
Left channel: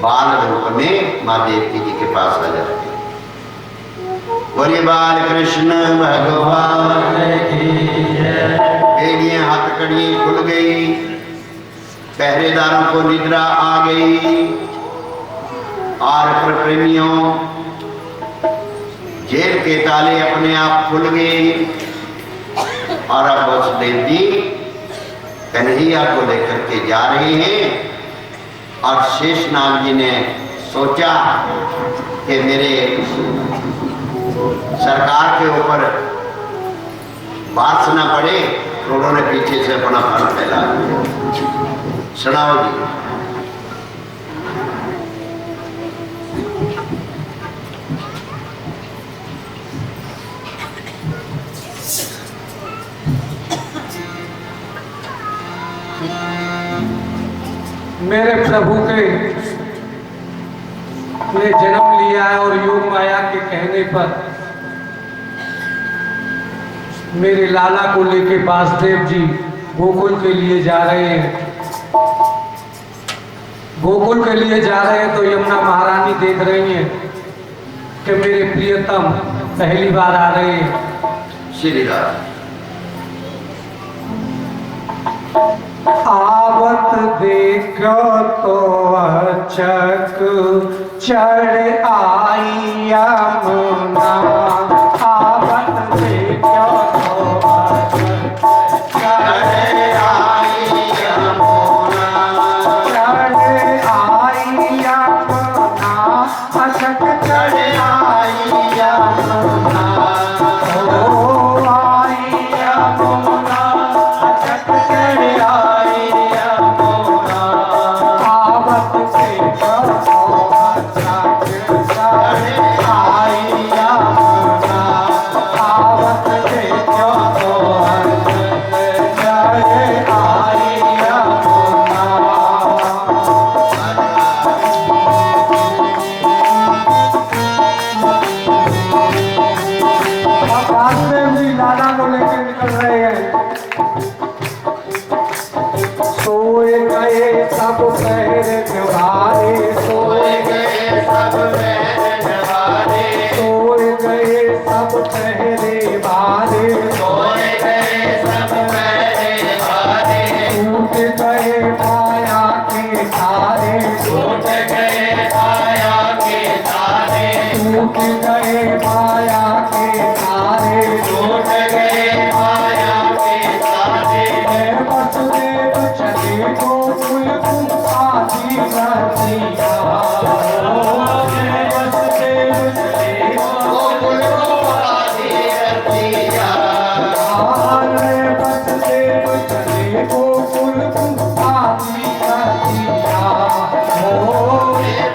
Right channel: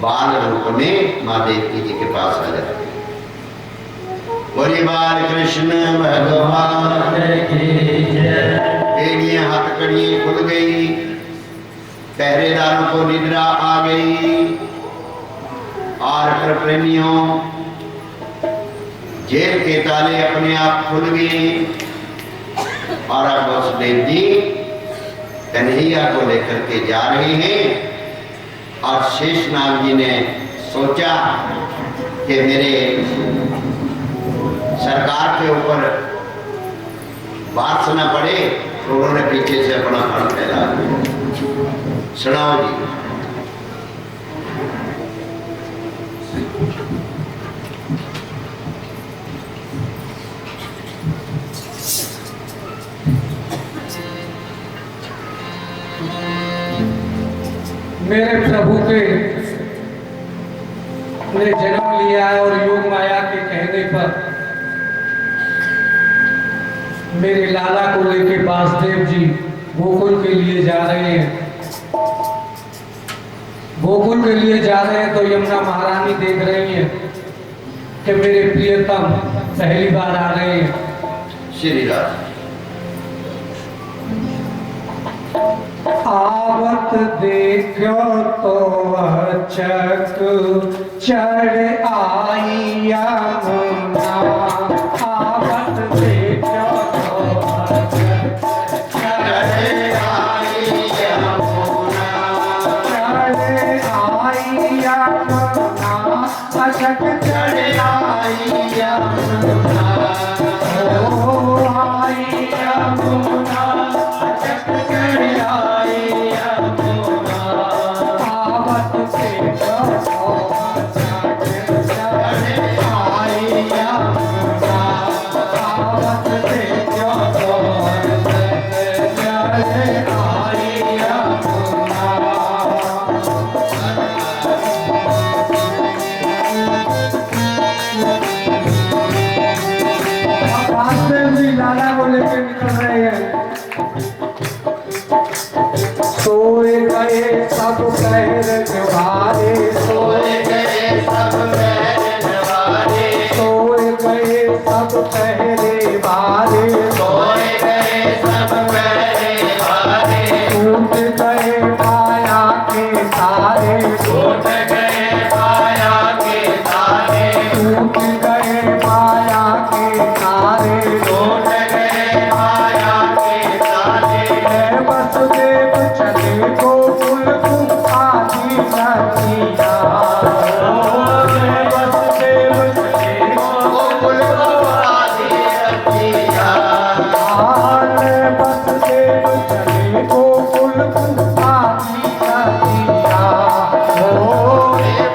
बाल रूप में माँ देवकी जी के पास आ जाते। बोलिए बाल कृष्ण भगवान की जय। बेड़ियां हथकड़ियां खुल गई, पहरेदारों को निद्रा आ गई, और प्रेमियों जेल के ताले अपने आप खुल गए, और अब वसुदेव जी कन्हैया को लेकर के जा रहे हैं। और शेषनाग जी ने सोचा कि मेरे सरकार के ऊपर बात सुना पड़े, तो उन्होंने पीछे से अपना फल फैला दिया। सुनाओ जी। मेरे प्रभु के ने जन्म लिया है और योग माया के कहने पर मेरे लाला को लेके वासुदेव जी गोकुल के लिए जा रहे हैं। गोकुल के लिए जा रहे हैं तो यमुना महारानी देख रही हैं कि मेरे प्रियतम पहली बार आ रहे हैं। श्री राम। आवत देखो तो अचक चढ़ आई यमुना। आवत देखो तो अचक चढ़ आई यमुना। चढ़ आई यमुना, अचक चढ़ आई यमुना। ओ आई यमुना, अचक चढ़ आई यमुना। आवत देखो तो अचक चढ़ आई यमुना। सोए गए सब पैर निभारे, सोए गए सब पैर निभारे, सोए गए सब पहरे बारे, सोए गए सब पैर निभारे, टूट गए माया के तारे, टूट गए माया के तारे, टूट गए माया के तारे, टूट गए माया के तारे। मैं वसुदेव चले गोकुल को आदि बतिया, मैं वसुदेव चले गोकुल को आदि रतिया, मैं वसुदेव चले गोकुल को आदि बतिया,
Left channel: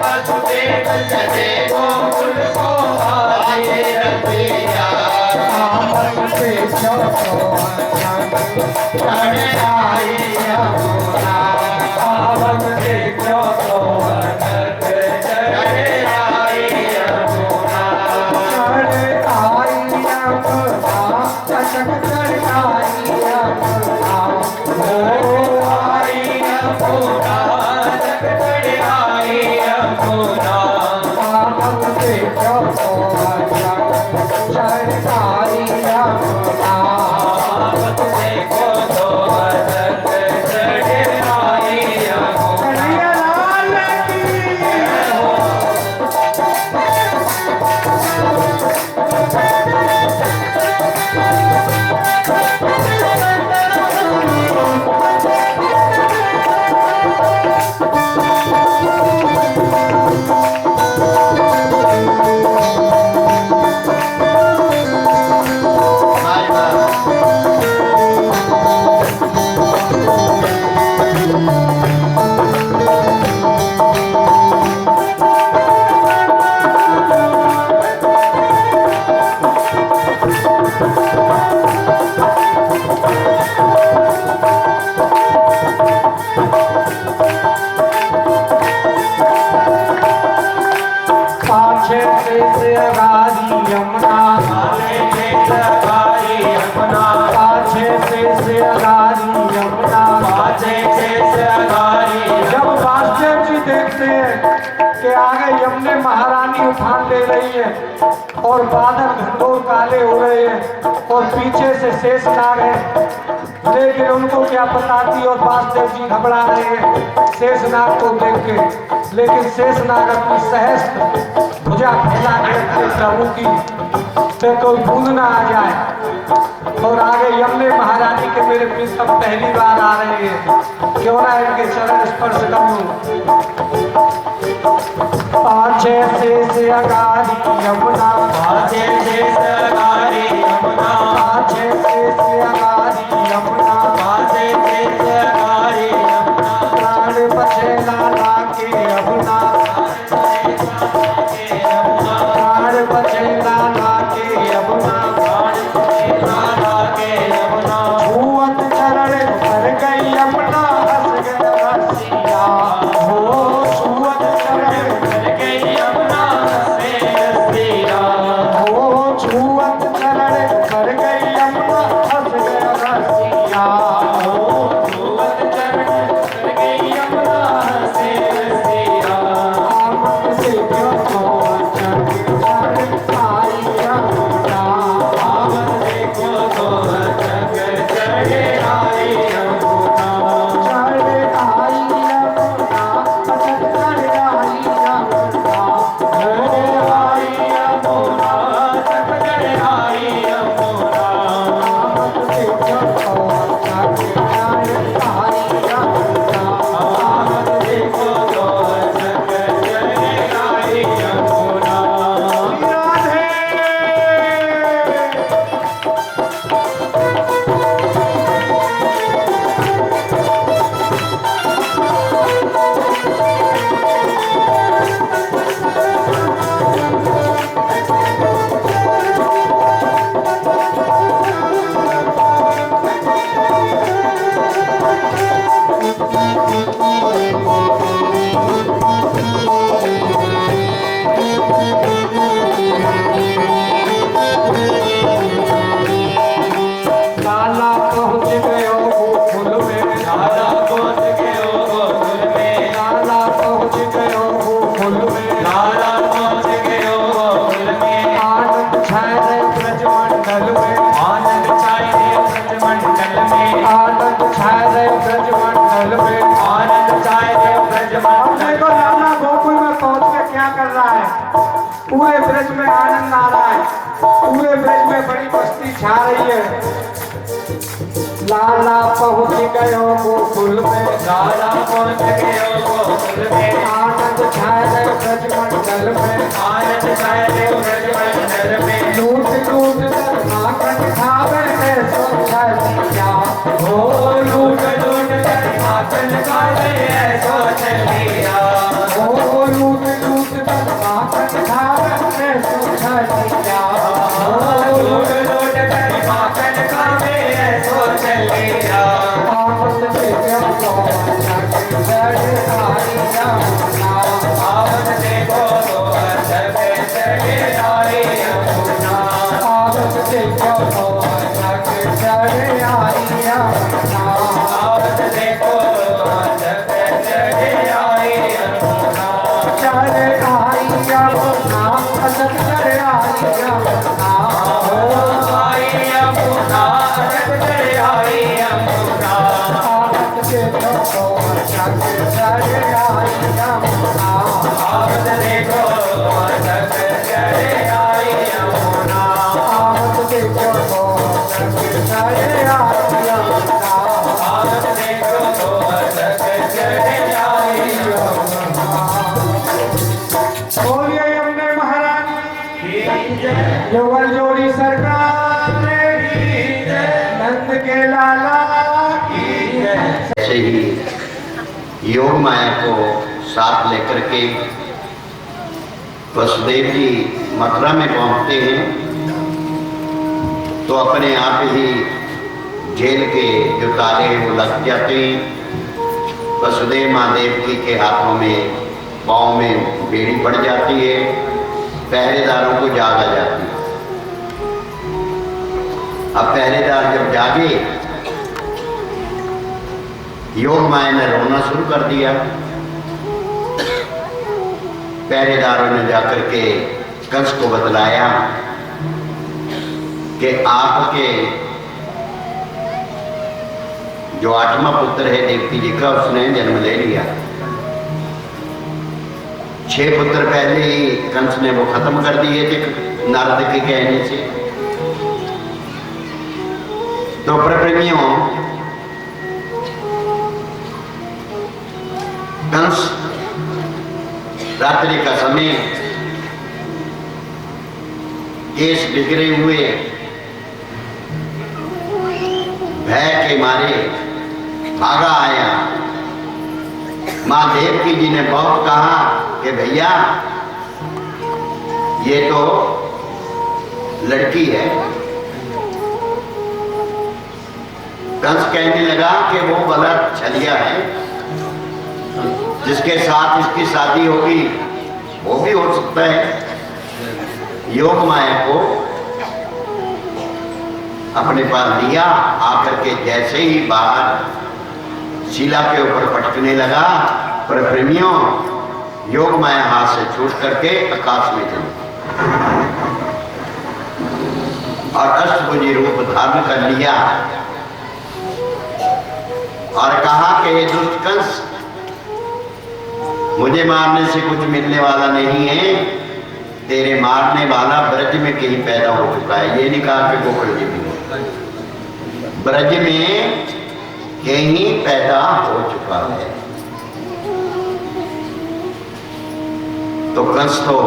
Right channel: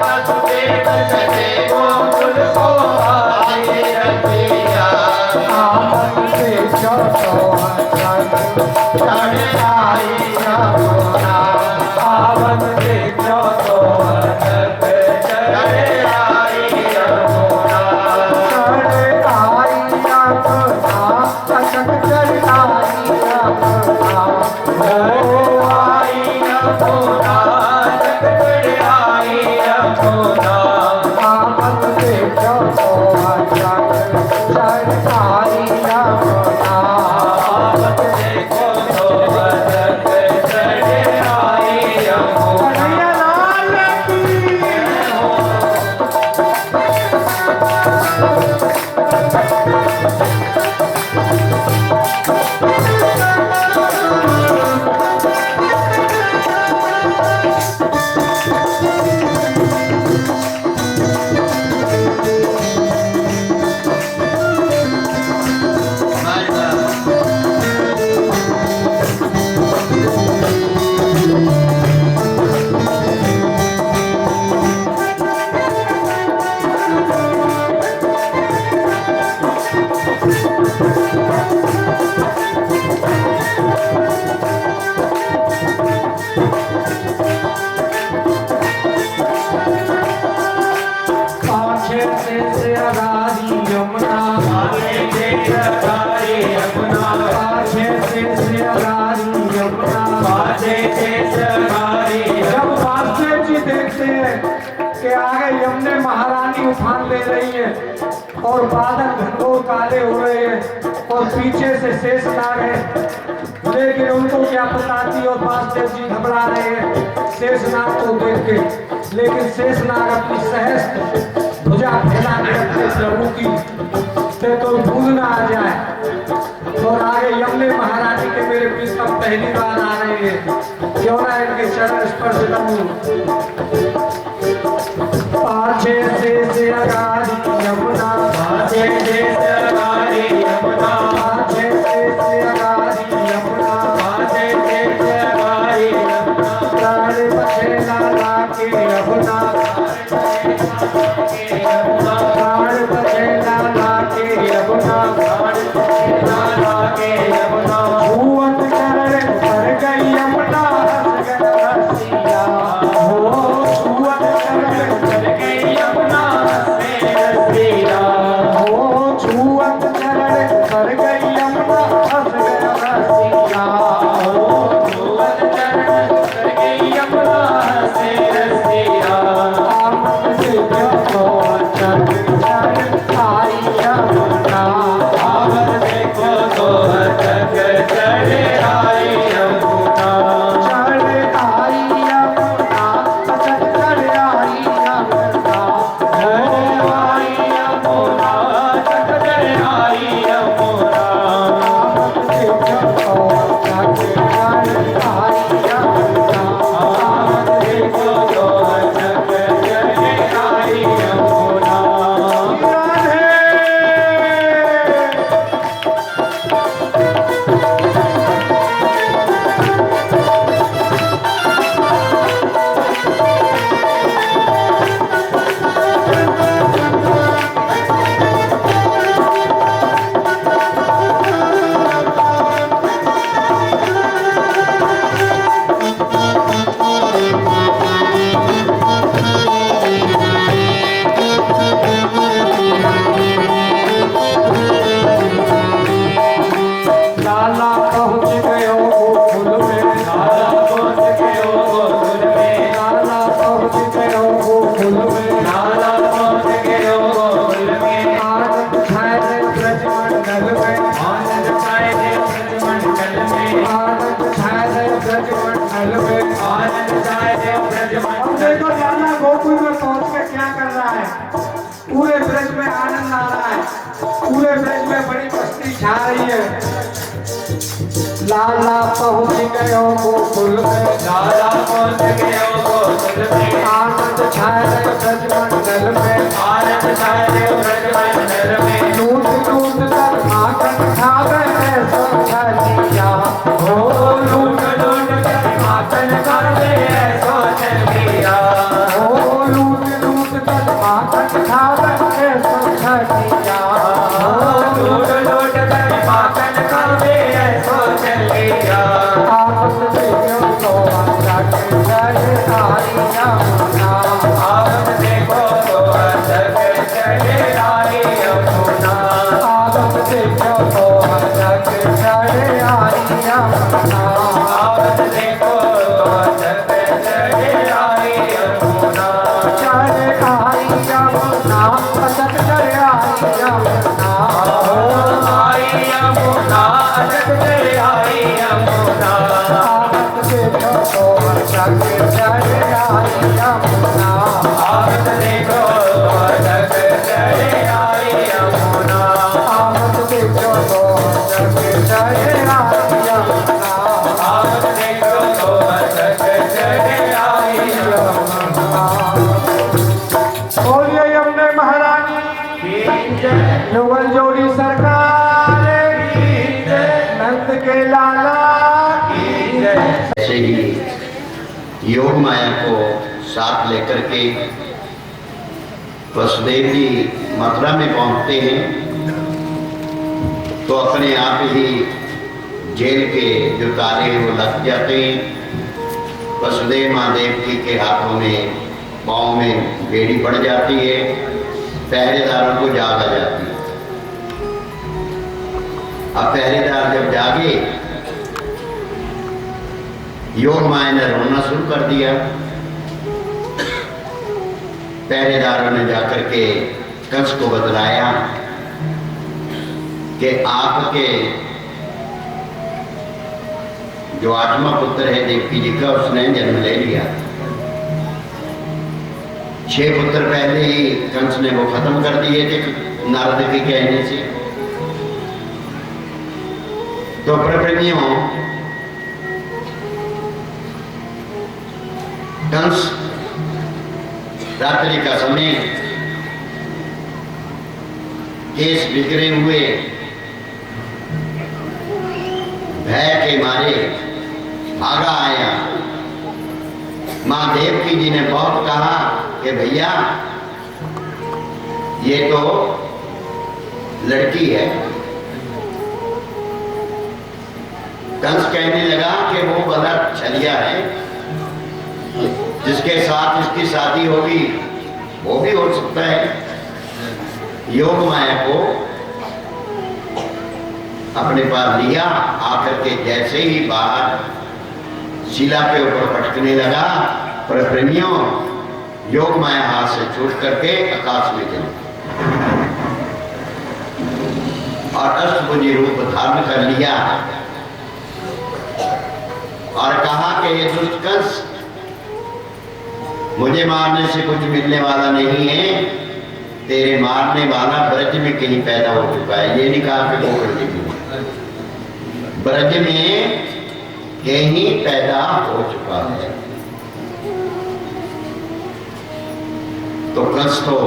वसुदेव चले गोकुल को आदि रतिया, आपस से चढ़ आई यमुना, आपस से महारानी उफान ले रही है और बादल घनघोर काले हो रहे हैं और पीछे से शेषनाग है, लेकिन उनको क्या पता थी और वासुदेव जी घबरा रहे हैं शेषनाग को देख के। लेकिन शेषनाग अपनी सहस्त्र भुजा फैला के रखते प्रभु की से कोई भूल ना आ जाए। और आगे यमुने महारानी के मेरे प्रीतम पहली बार आ रहे हैं, क्यों ना इनके चरण स्पर्श करूं। पाछे से अगारी यमुना, पाछे से अगारी यमुना, पाछे से अगारी यमुना, पाछे से अगारी यमुना, प्राण बचे लाला के यमुना, प्राण बचे लाला के यमुना, छुअत चरण कर गई यमुना, हंस गए रसिया हो, छुअत चरण कर गई यमुना से रसिया, हो, छुअत मस्ती छा रही है। लाला पहुंच गयो गोकुल में, लाला पहुंच गयो गोकुल में, आनंद छाए गए ब्रजमंडल में, आनंद छाए गयो ब्रजमंडल में, लूट लूट कर माखन खावे ऐसो छलिया, ओ लूट लूट कर माखन खावे ऐसो छलिया, ओ लूट लूट कर माखन खावे ऐसो छलिया, ओ लूट लूट कर माखन खावे ऐसो छलिया। आपस देखो तो जाके चढ़े आई यमुना, आवत देखो तो अजब चले आई यमुना, आपस देखो तो जाके चढ़े आई यमुना, आवत देखो तो अजब चले आई यमुना, चढ़े आई यमुना, अजब चढ़े आई यमुना, ओ आई यमुना, अजब चले आई यमुना, आपस देखो तो जाके चढ़े आई यमुना, आवत देखो तो अजब चले आई यमुना, आपस देखो तो जाके चढ़े आई यमुना, आवत देखो तो अजब चले आई यमुना। बोलिए यमुने महारानी युगल जोड़ी सरकार की जय, नंद के लाला की जय। ऐसे ही योग माया को साथ लेकर के वसुदेव जी मथुरा में पहुंचते हैं तो अपने आप ही जेल के जो ताले हैं वो लग जाते हैं। वसुदेव महादेव जी के हाथों में पाँव में बेड़ी पड़ जाती है, पहरेदारों को जाग आ जाती है। अब पहरेदार जब जागे, योग माया ने रोना शुरू कर दिया। पहरेदारों ने जाकर के कंस को बतलाया कि आपके जो 8वां पुत्र है देवकी जी का, उसने जन्म ले लिया। 6 पुत्र पहले ही कंस ने वो खत्म कर दिए थे नारद के कहने से। तो प्रप्रेमियों, कंस रात्रि का समय केस बिगड़े हुए भय के मारे भागा आया। मां देवकी जी ने बहुत कहा कि भैया ये तो लड़की है। कंस कहने लगा कि वो गलत छलिया है, जिसके साथ इसकी शादी होगी वो भी हो सकता है। योग माया को अपने पास लिया, आकर के जैसे ही बाहर शिला के ऊपर पटकने लगा, पर प्रेमियों योग माया हाथ से छूट करके आकाश में चली और अष्टभुजी रूप धारण कर लिया और कहा कि ये दुष्ट कंस, मुझे मारने से कुछ मिलने वाला नहीं है, तेरे मारने वाला ब्रज में कहीं पैदा हो चुका है। ये नहीं कहा कि गोकुल जी में, ब्रज में कहीं पैदा हो चुका है। तो कंस तो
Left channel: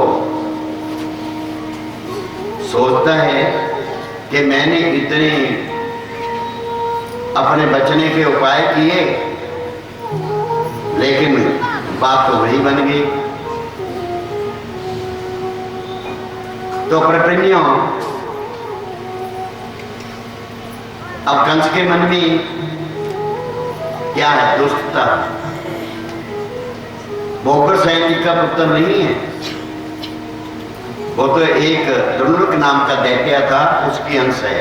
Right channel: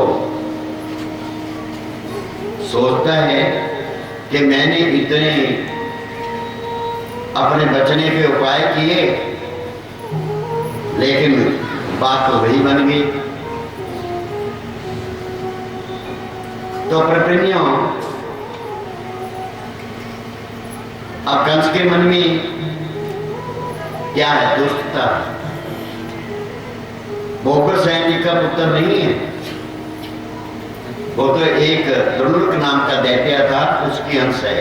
सोचता है कि मैंने इतने अपने बचने के उपाय किए, लेकिन बात तो वही बन गई। तो प्रप्रेमियों, अब कंस के मन में क्या है? दुष्टता। वो उग्रसेन जी का पुत्र नहीं है, वो तो एक दुर्मुख नाम का दैत्य था, उसकी अंश है।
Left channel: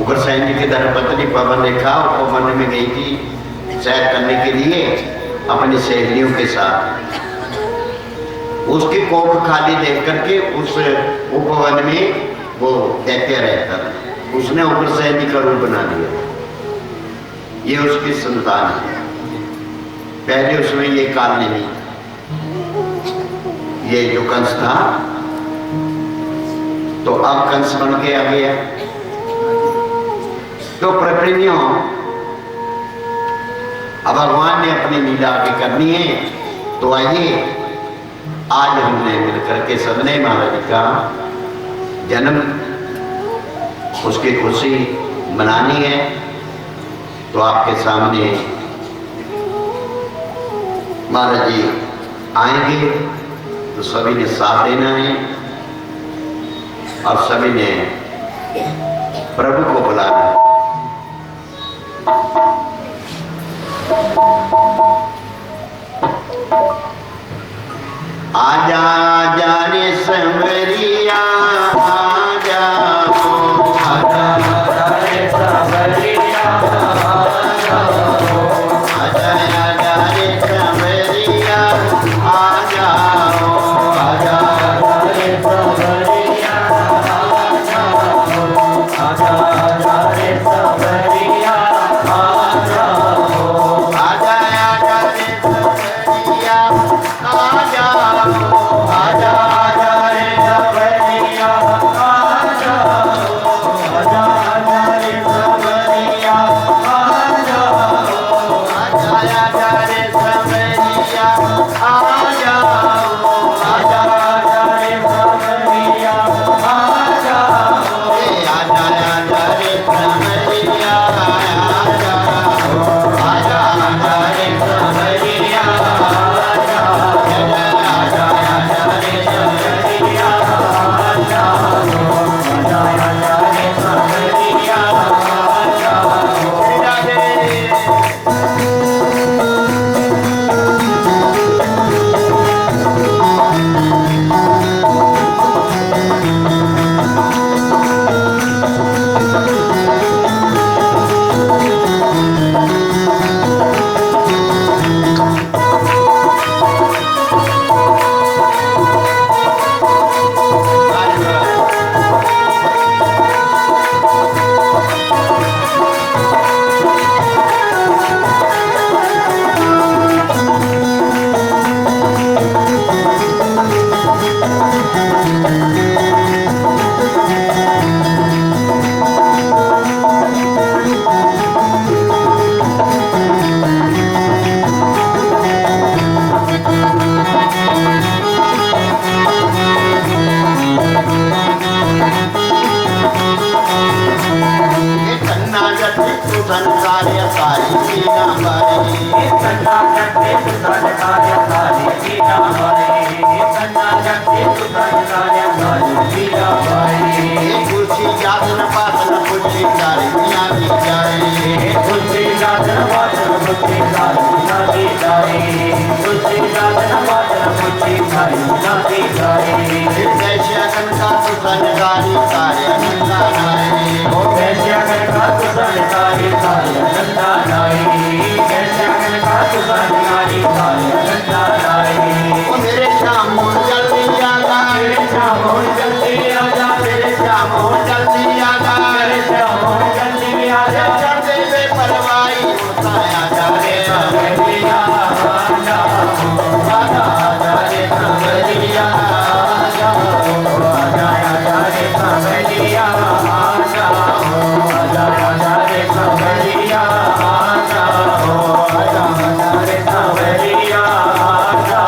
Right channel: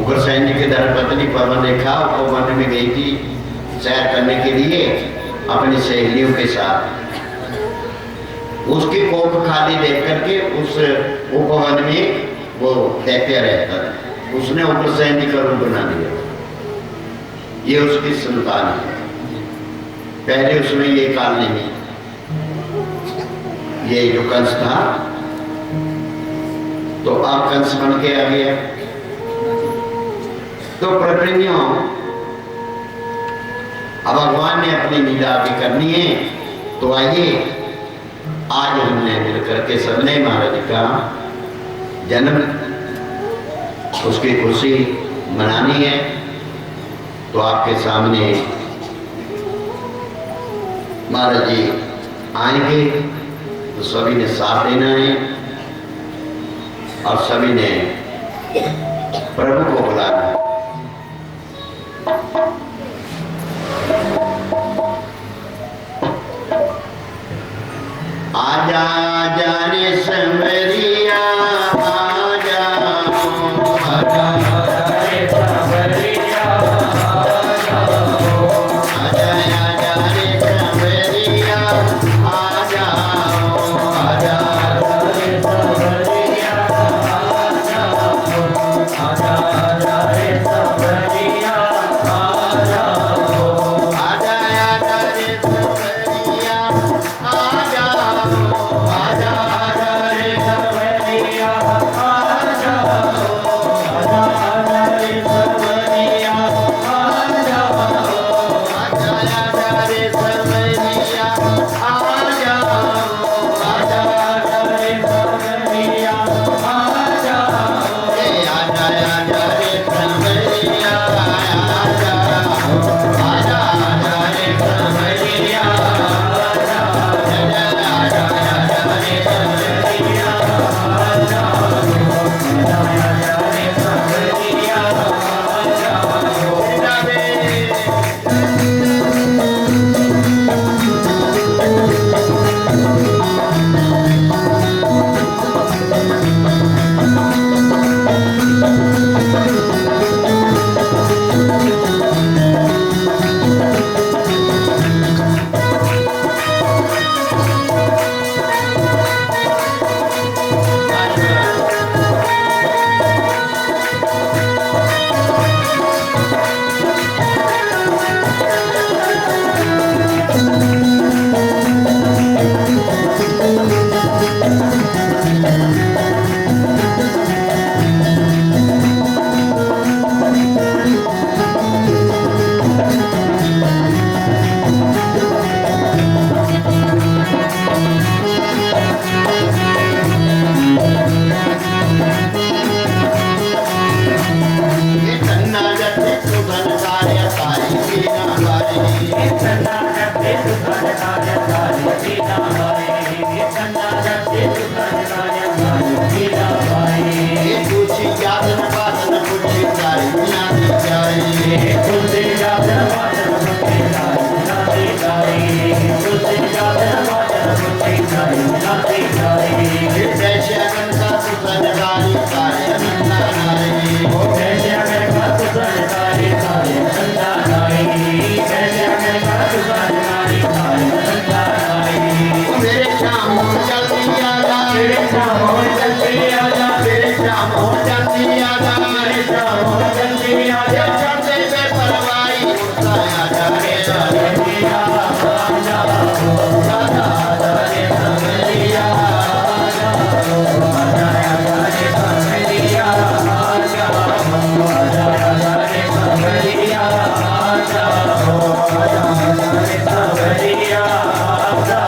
उग्रसेन जी की धर्मपत्नी पवन रेखा उपवन में गई थी सैर करने के लिए अपनी सहेलियों के साथ। उसकी कोख खाली देख करके उस उपवन में वो दैत्य रहता था, उसने उग्रसेन जी का रूप बना दिया। ये उसकी संतान है। पहले उसमें ये काल नहीं, ये जो कंस था तो अब कंस बन के आ गया। तो प्रकृतियों अब भगवान ने अपनी लीला आगे करनी है, तो आइए आज हमने मिलकर के सबने महाराज का जन्म उसकी खुशी मनानी है। तो आपके सामने महाराज जी आएंगे, तो सभी ने साथ देना है और सभी ने प्रभु को बुलाना है। आजा आजा रे संवरिया आजा आजा रे संवरिया आजा आजा रे संवरिया आजा आजा रे संवरिया आजा आजा रे संवरिया आजा आजा आजा रे संवरिया आजा आजा आजा रे संवरिया आजा आजा आजा रे संवरिया आजा आजा आजा रे संवरिया आजा आजा आजा रे संवरिया आजा ए आजा आजा रे संवरिया आजा आजा आजा रे संवरिया आजा आजा आजा आजा रे संवरिया आजा आजा आजा रे संवरिया आजा राधे। ये तन्ना जते तू संसारिया सारी मीना बारी तन्ना जते तू संसारिया सारी मीना बारी तन्ना जते तू संसारिया सारी मीना बारी ये खुशी यादन पादन खुशी सारी मीना दी जाए खुशी यादन पादन खुशी सारी मीना दी जाए खुशी यादन पादन खुशी सारी मीना दी जाए कैसे अगन का तू संसारी सारे नंदा नारे ओ कैसे अगर का तू संसारी सारी नंदा नाई कैसे अगर का तू संसारी सारी नंदा नाई ओ मेरे श्याम जल्दी आजा मेरे श्याम जल्दी आजा मेरे श्याम जल्दी आजा मेरे श्याम जल्दी आजा चढ़ते पे परवाई उठता आजा रे संवरिया आजा आजा आजा रे संवरिया आजा आजा आजा रे संवरिया आजा आजा आजा रे संवरिया आजा आजा आजा रे संवरिया आजा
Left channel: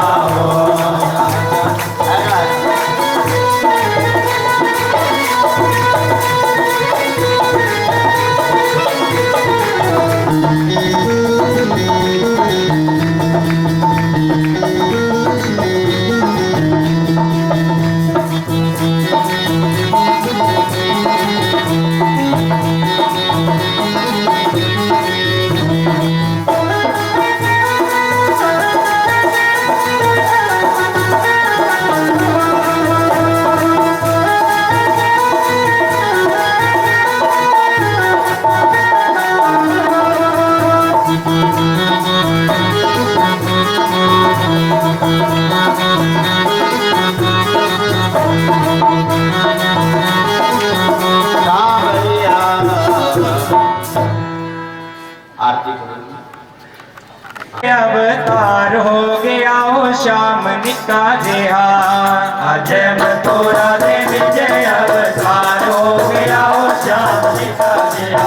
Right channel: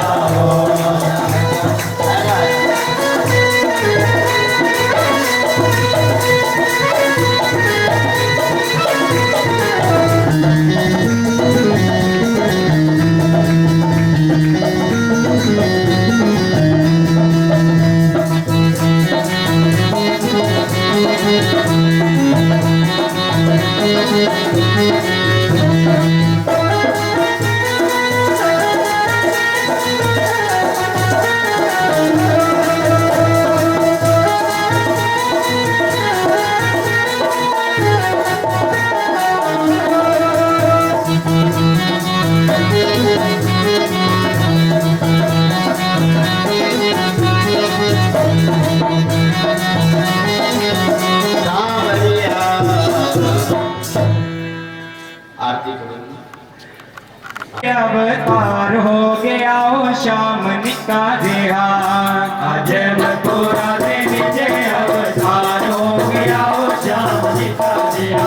आरती करो। अवतार हो गया ओ श्याम निका देहा अजय मथुरा दे विजय अवतार निका जिया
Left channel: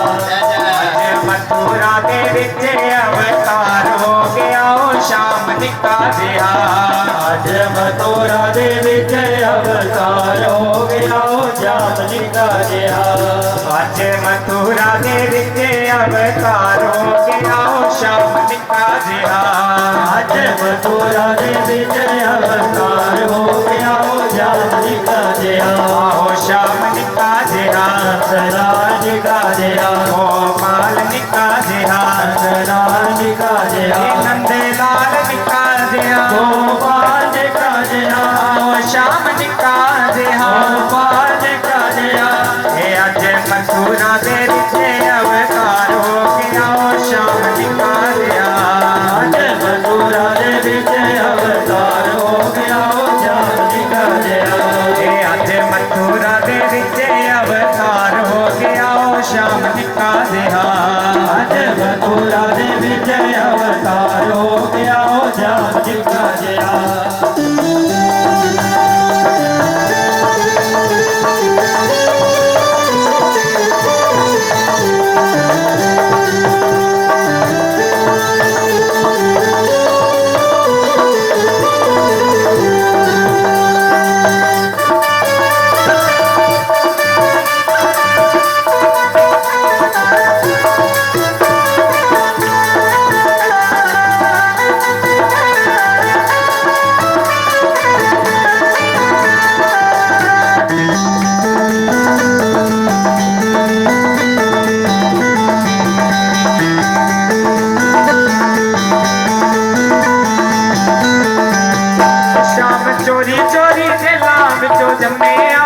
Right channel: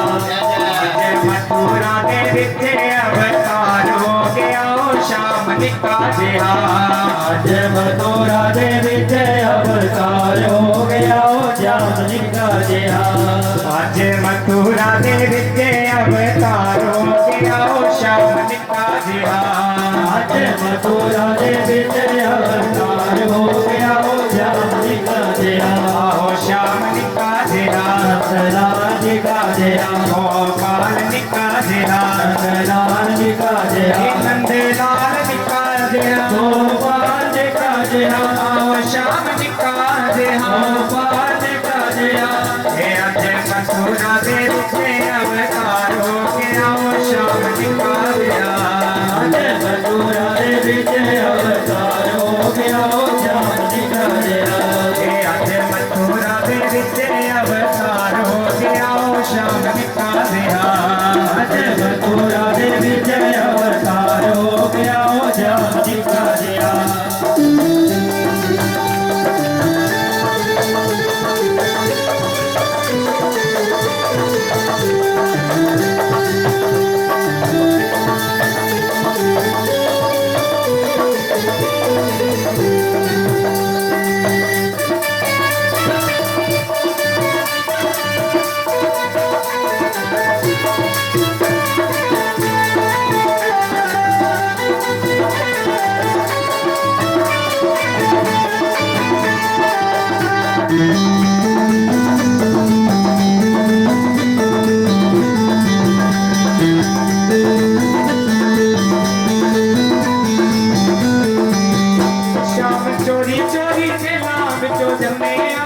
जय मथुरा दे विच अवतार हो गया ओ श्याम निका जिया आज मथुरा दे विच अवतार हो गया ओ श्याम निका जिया आज मथुरा दे विच अवतार हो गया ओ श्याम निका जिया आज मथुरा दे विच अवतार हो गया ओ श्याम निका जिया ओ श्याम निका जिया राज का जिया गोपाल निका जिया राज का जिया नंद लाल निका जिया गोपाल निका जिया ओ श्याम निका जिया गोपाल निका जिया हे आज मथुरा दे विच अवतार हो गया ओ श्याम निका जिया आज मथुरा दे विच अवतार हो गया ओ श्याम निका जिया हे आज मथुरा दे विच अवतार हो गया ओ श्याम निका जिया आज मथुरा दे विच अवतार हो गया ओ श्याम निका जिया श्याम चोरी चोरी जेला विचो जमया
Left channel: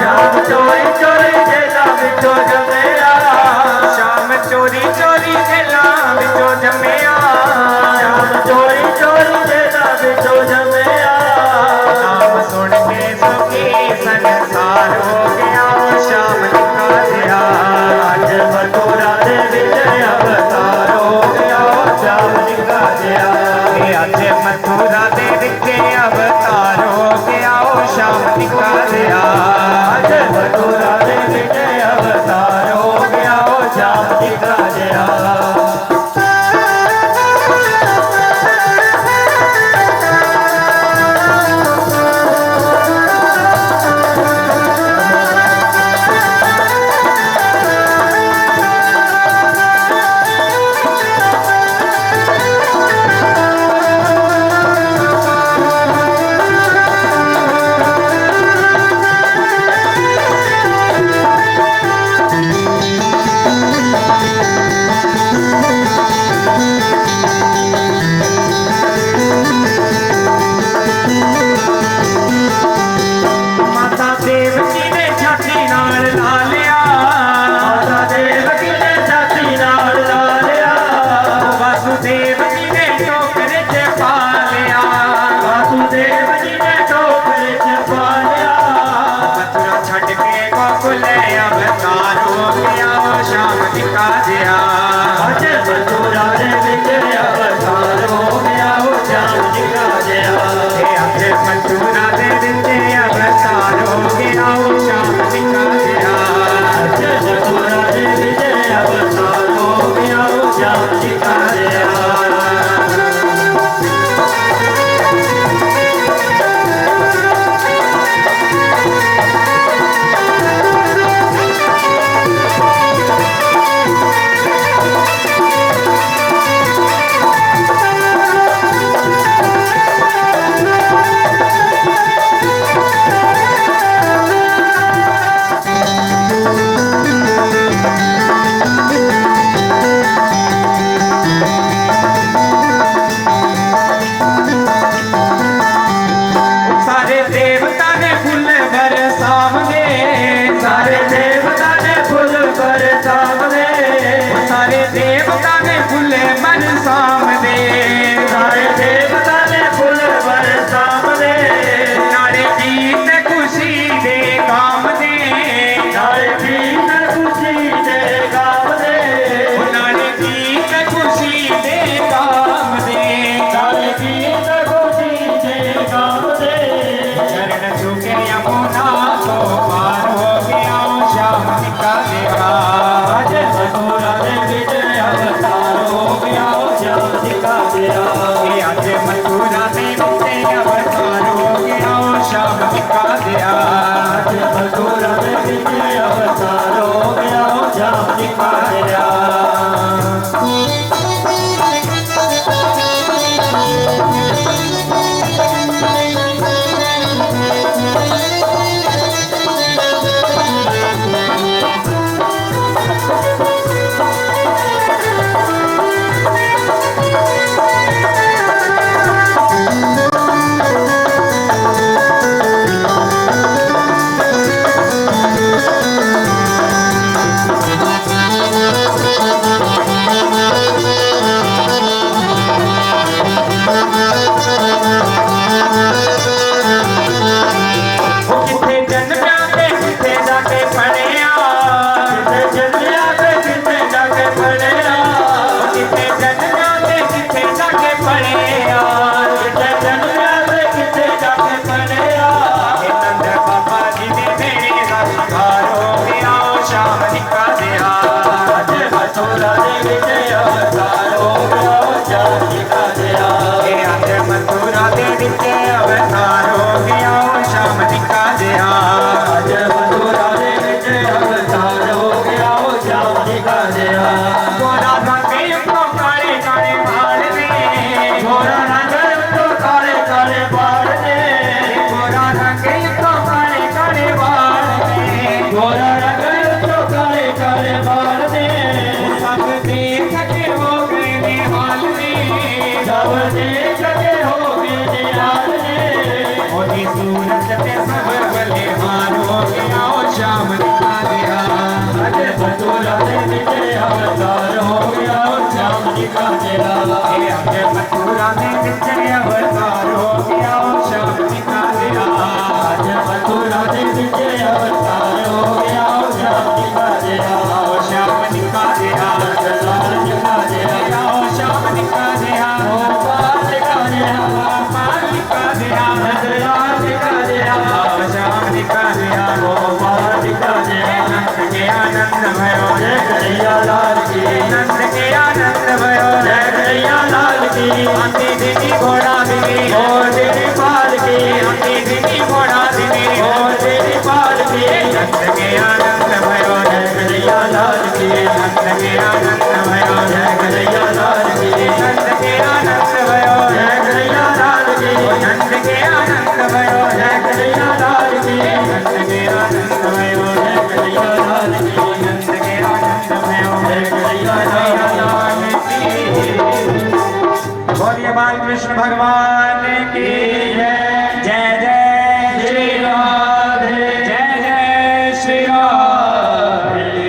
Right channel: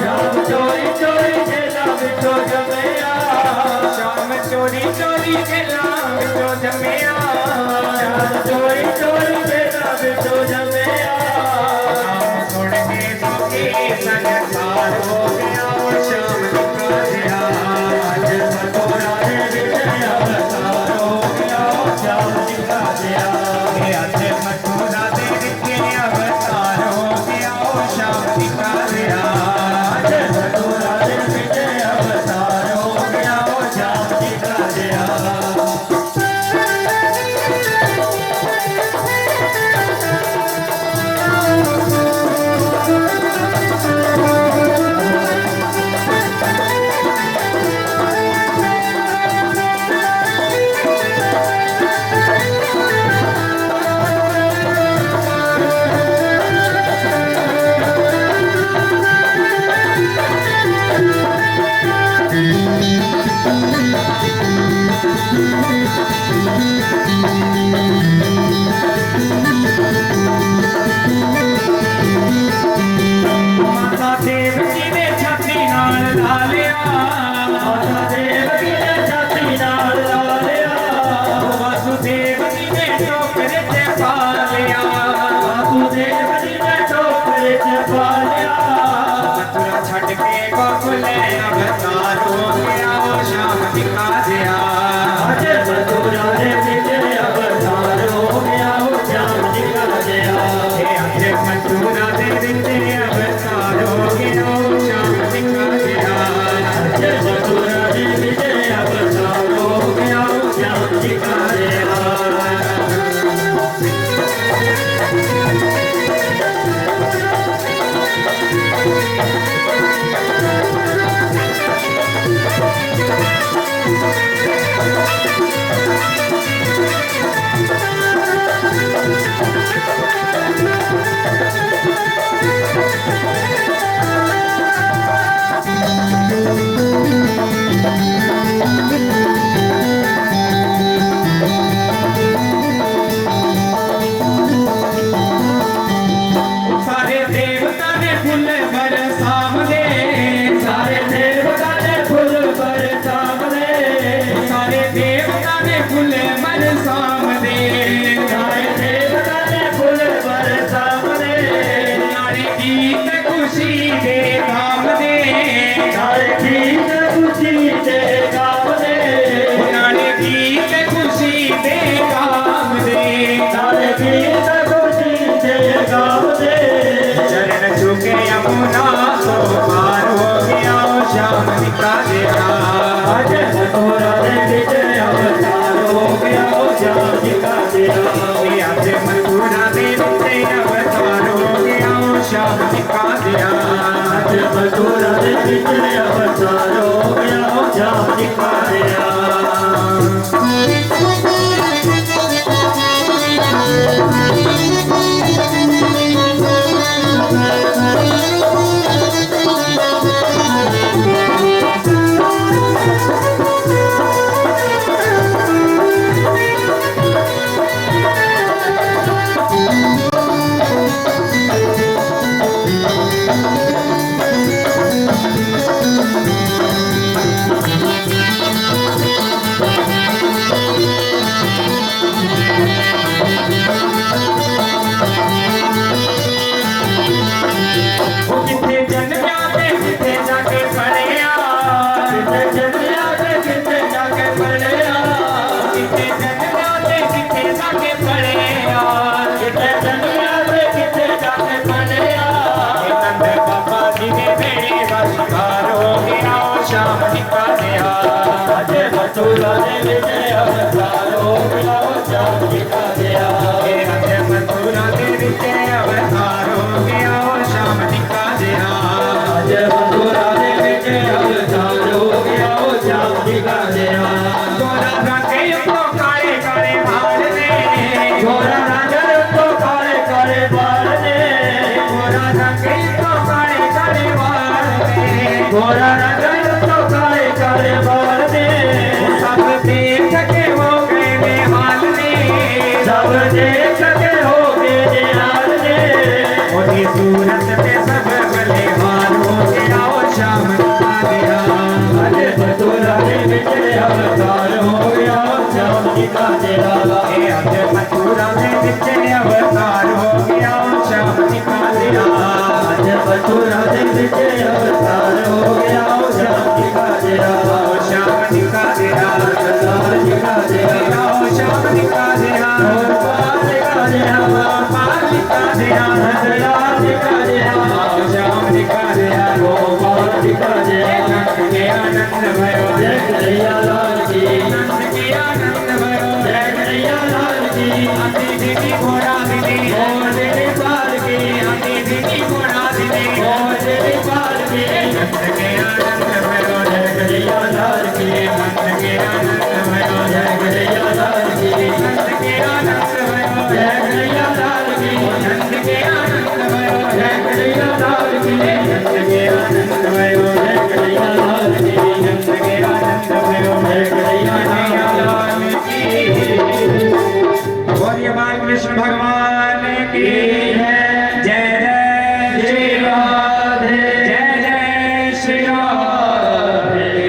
श्याम चोरी चोरी जेला विचो जमया श्याम चोरी चोरी जेला विचो जमया श्याम चोरी चोरी जेला विचो जमया नाम सुन के सुखी संसार हो गया श्याम निका जिया आज मथुरा दे विच अवतार हो गया श्याम निका जिया आज मथुरा दे विच अवतार हो गया ओ श्याम निका जिया आज मथुरा दे विच अवतार हो गया ओ श्याम निका जिया श्याम दिखा दिया। कृष्ण भगवान की जय। जय जय श्री राधे, जय जय श्री राधे।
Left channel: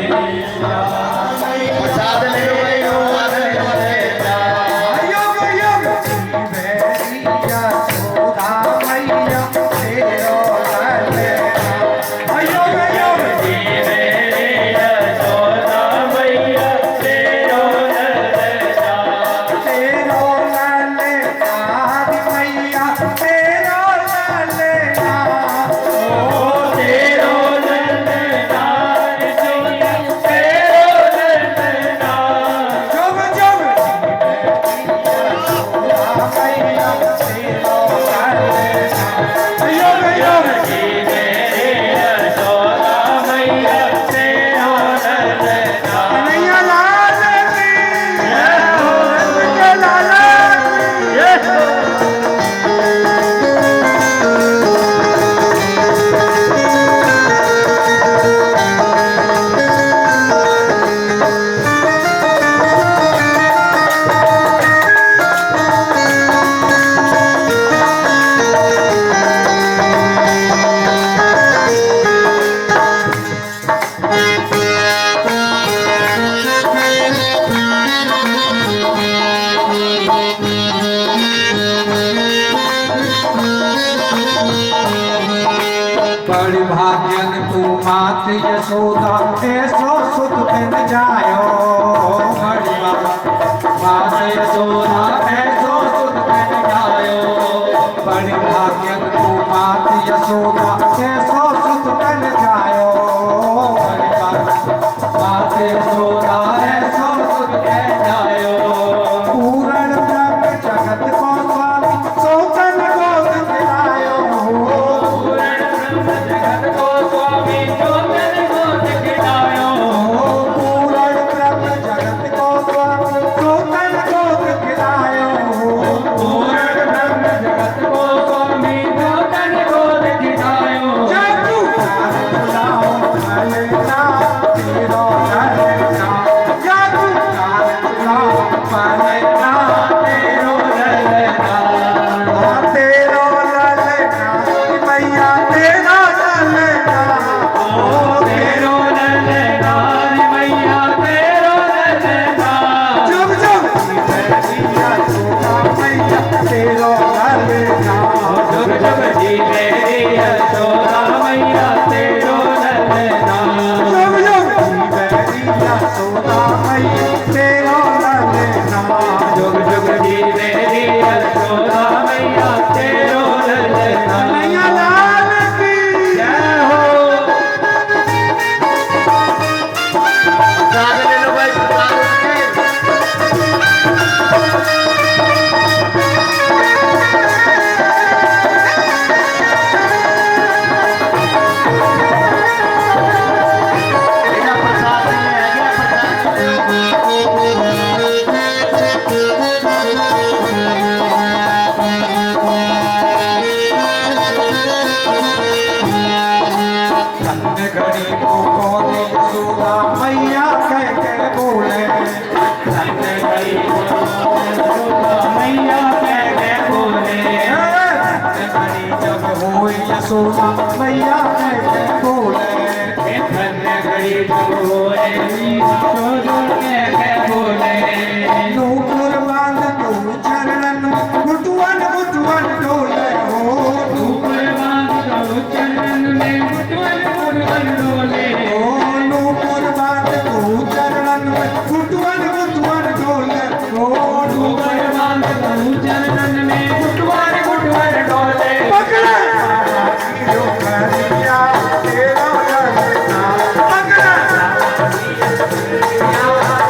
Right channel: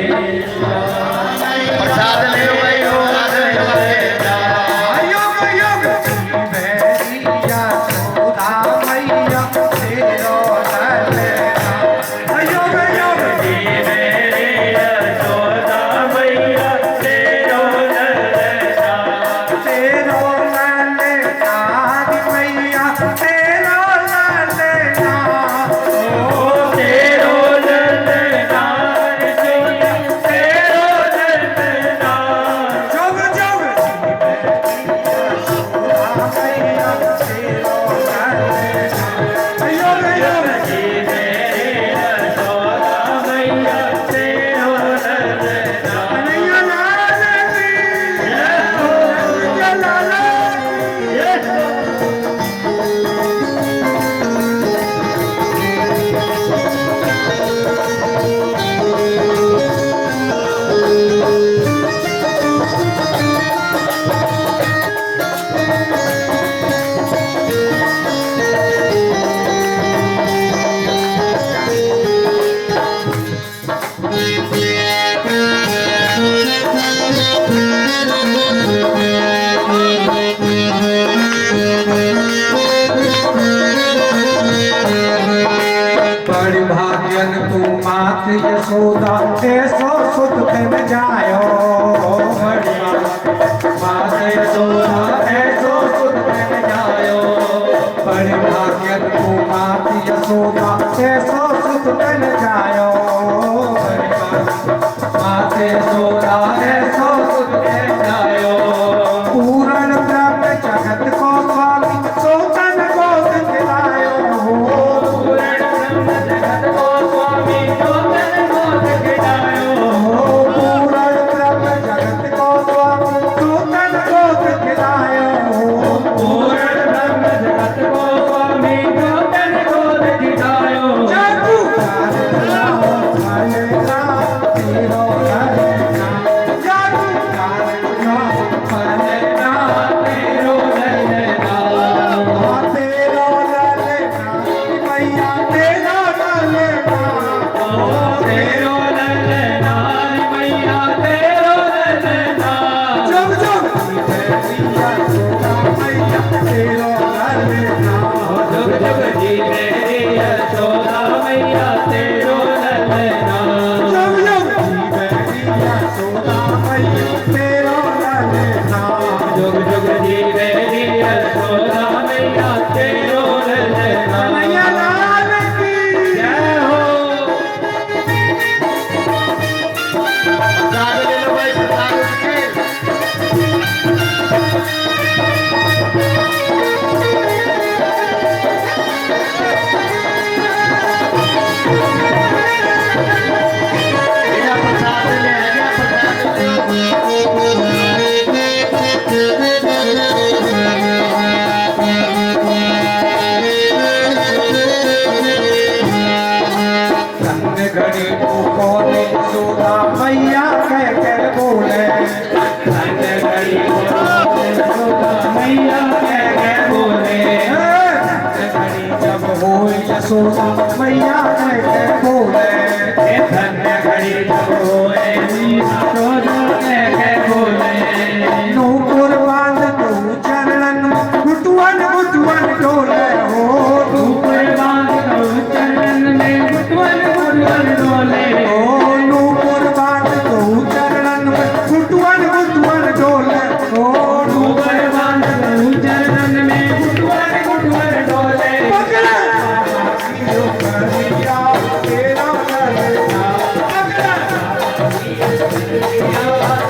यशोदा मैया कह बोले हे धन्य घड़ी जब होए यशोदा कह बोले नूपुर बांध तू चरणन में गुटवन गुटवन डोले हो ऊपर बांध दो चरण में गुटवन गुटवन डोले ओ नूपुर बांध तू चरणन में गुटवन गुटवन डोले ओ ऊपर बांध दो चरण में गुटवन गुटवन डोले पकड़ा यो करिया तेरा ललना पकड़ा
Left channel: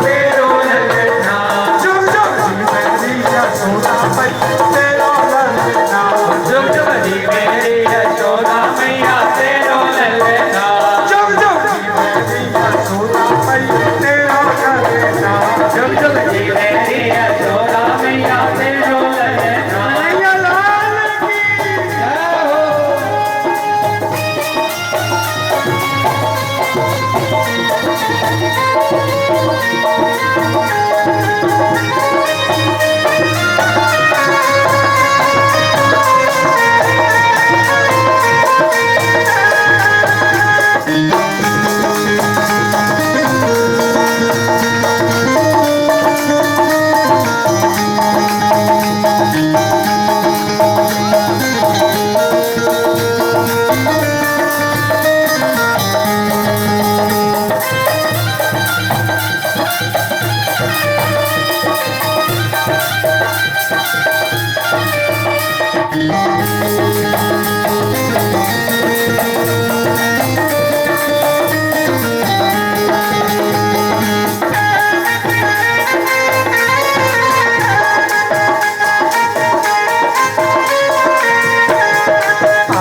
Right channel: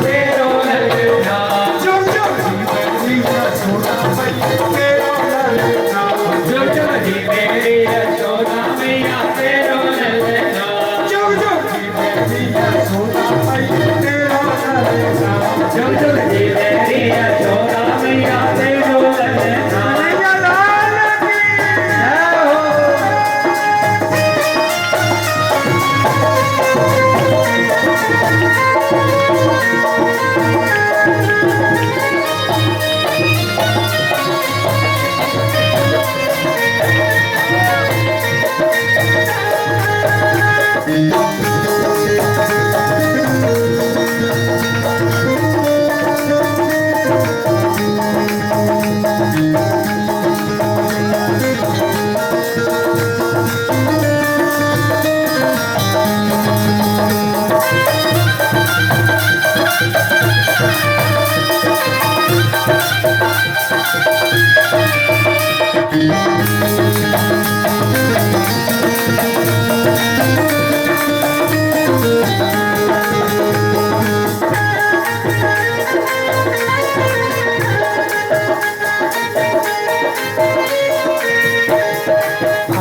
तेरो ललना चुप चुप मेरी यशोदा मैया तेरा ललना जुग जुग जी मेरी यशोदा मैया तेरो ललना चुप चुप मेरी यशोदा मैया तेरा ललना जुग जुग जी मेरी यशोदा मैया तेरो ललना मैया लाल की जय हो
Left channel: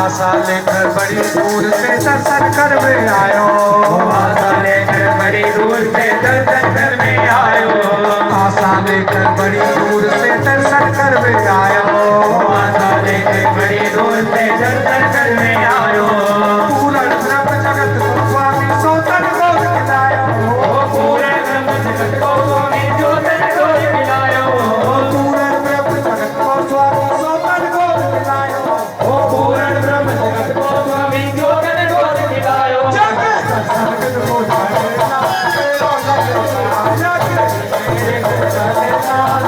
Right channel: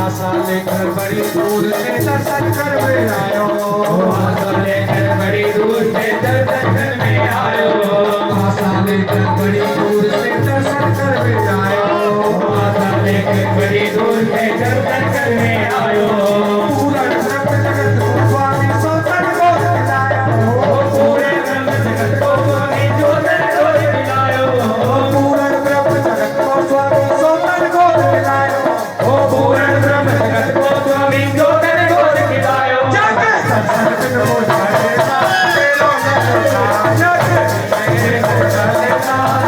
आशा लेकर बड़ी दूर से दर्शन कर में आयो आशा लेकर बड़ी दूर से दर्शन में आयो आशा लेकर बड़ी दूर से दर्शन कर में आयो आशा लेकर बड़ी दूर से दर्शन में आयो पूरा ब्रह्म जगत को स्वामी सोतन को खिलायो ओ पूरे ब्रह्म जगत को स्वामी ज्योतन को खिलायो पूरा ब्रह्म जगत को स्वामी सोतन को खिलायो ओ पूरे ब्रह्म जगत को स्वामी ज्योतन को खिलायो जाके दर्शन को जाएगा तेरो ललना जाके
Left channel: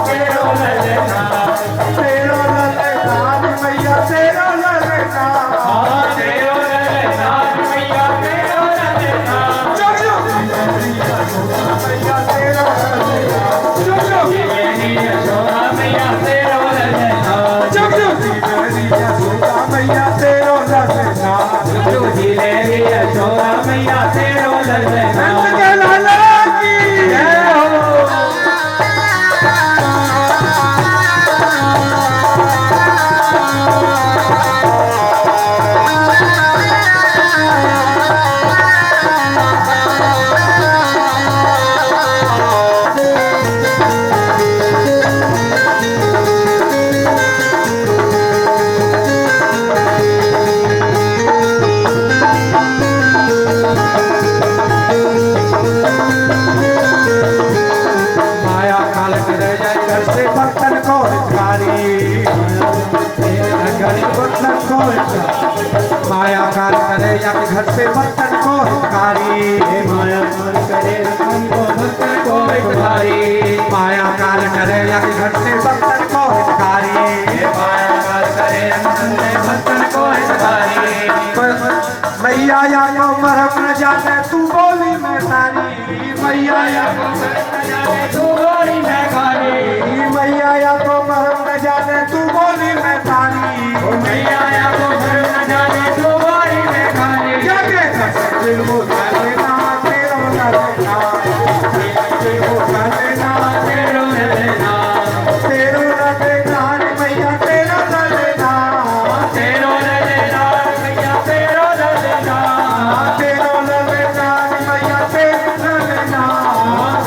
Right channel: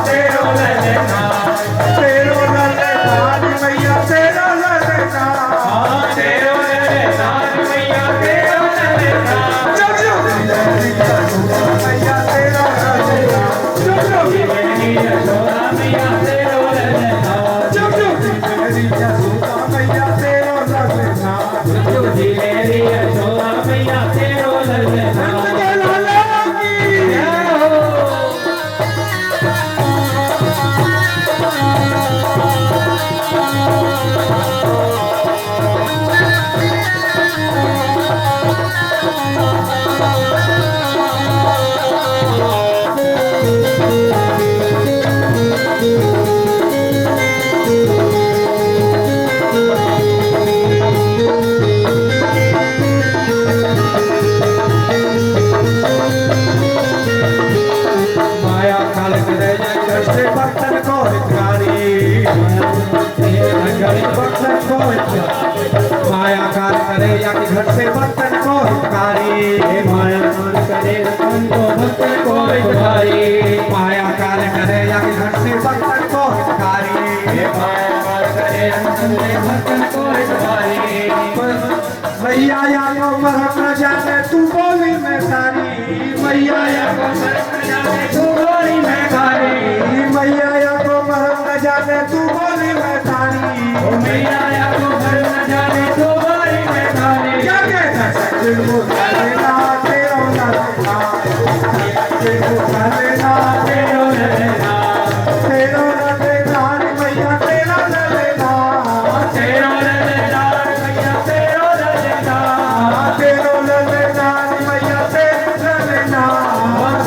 तेरो ललना तेरो ललना मैया तेरो ललना तेरो ललना मैया तेरो ललना चुप चुप मेरी यशोदा मैया तेरो ललना चुप चुप मेरी यशोदा मैया तेरो ललना चुप चुप मेरी यशोदा मैया तेरो ललना तुझी मेरी यशोदा मैया तेरो ललना नंद के लाला की जय हो माया काल के रह जाए घर से बर्तन को भिखारी बर्तन को माया काल करे या कि घर से बर्तन को भिखारी माया मन करे रतन को भक्तन को भिखारी माया काल करे या कि घर से बर्तन को भिखारी माया काल करे रतन में भक्तन को भिखारी मैया या को मरम न जाने तू बोली मैं तारी मैया या को तू गोरी मैं खारी मैया या को मरम न जाने तू बोली मैं तारी ओ मैया या को घर न जाने तू गोरी मैं खारी क्या कहता सचिन वो लेना तेरा लेना सचिन वो लेना तेरो ललना तेरा लेना मैया तेरा लेना तेरो ललना मैया तेरो ललना तेरा लेना मैया तेरा लेना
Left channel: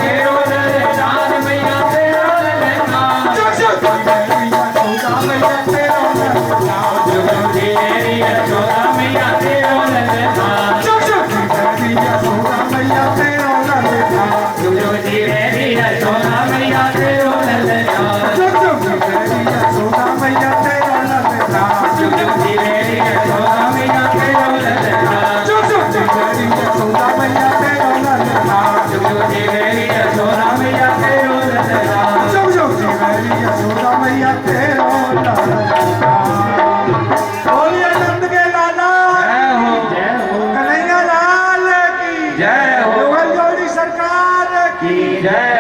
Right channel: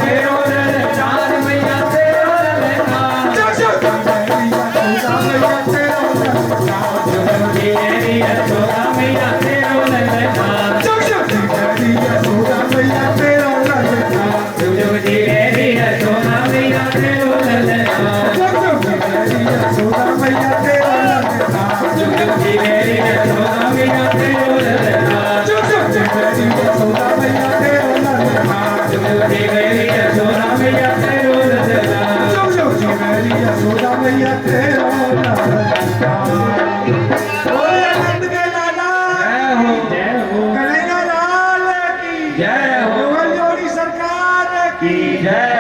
तेरो ललना जय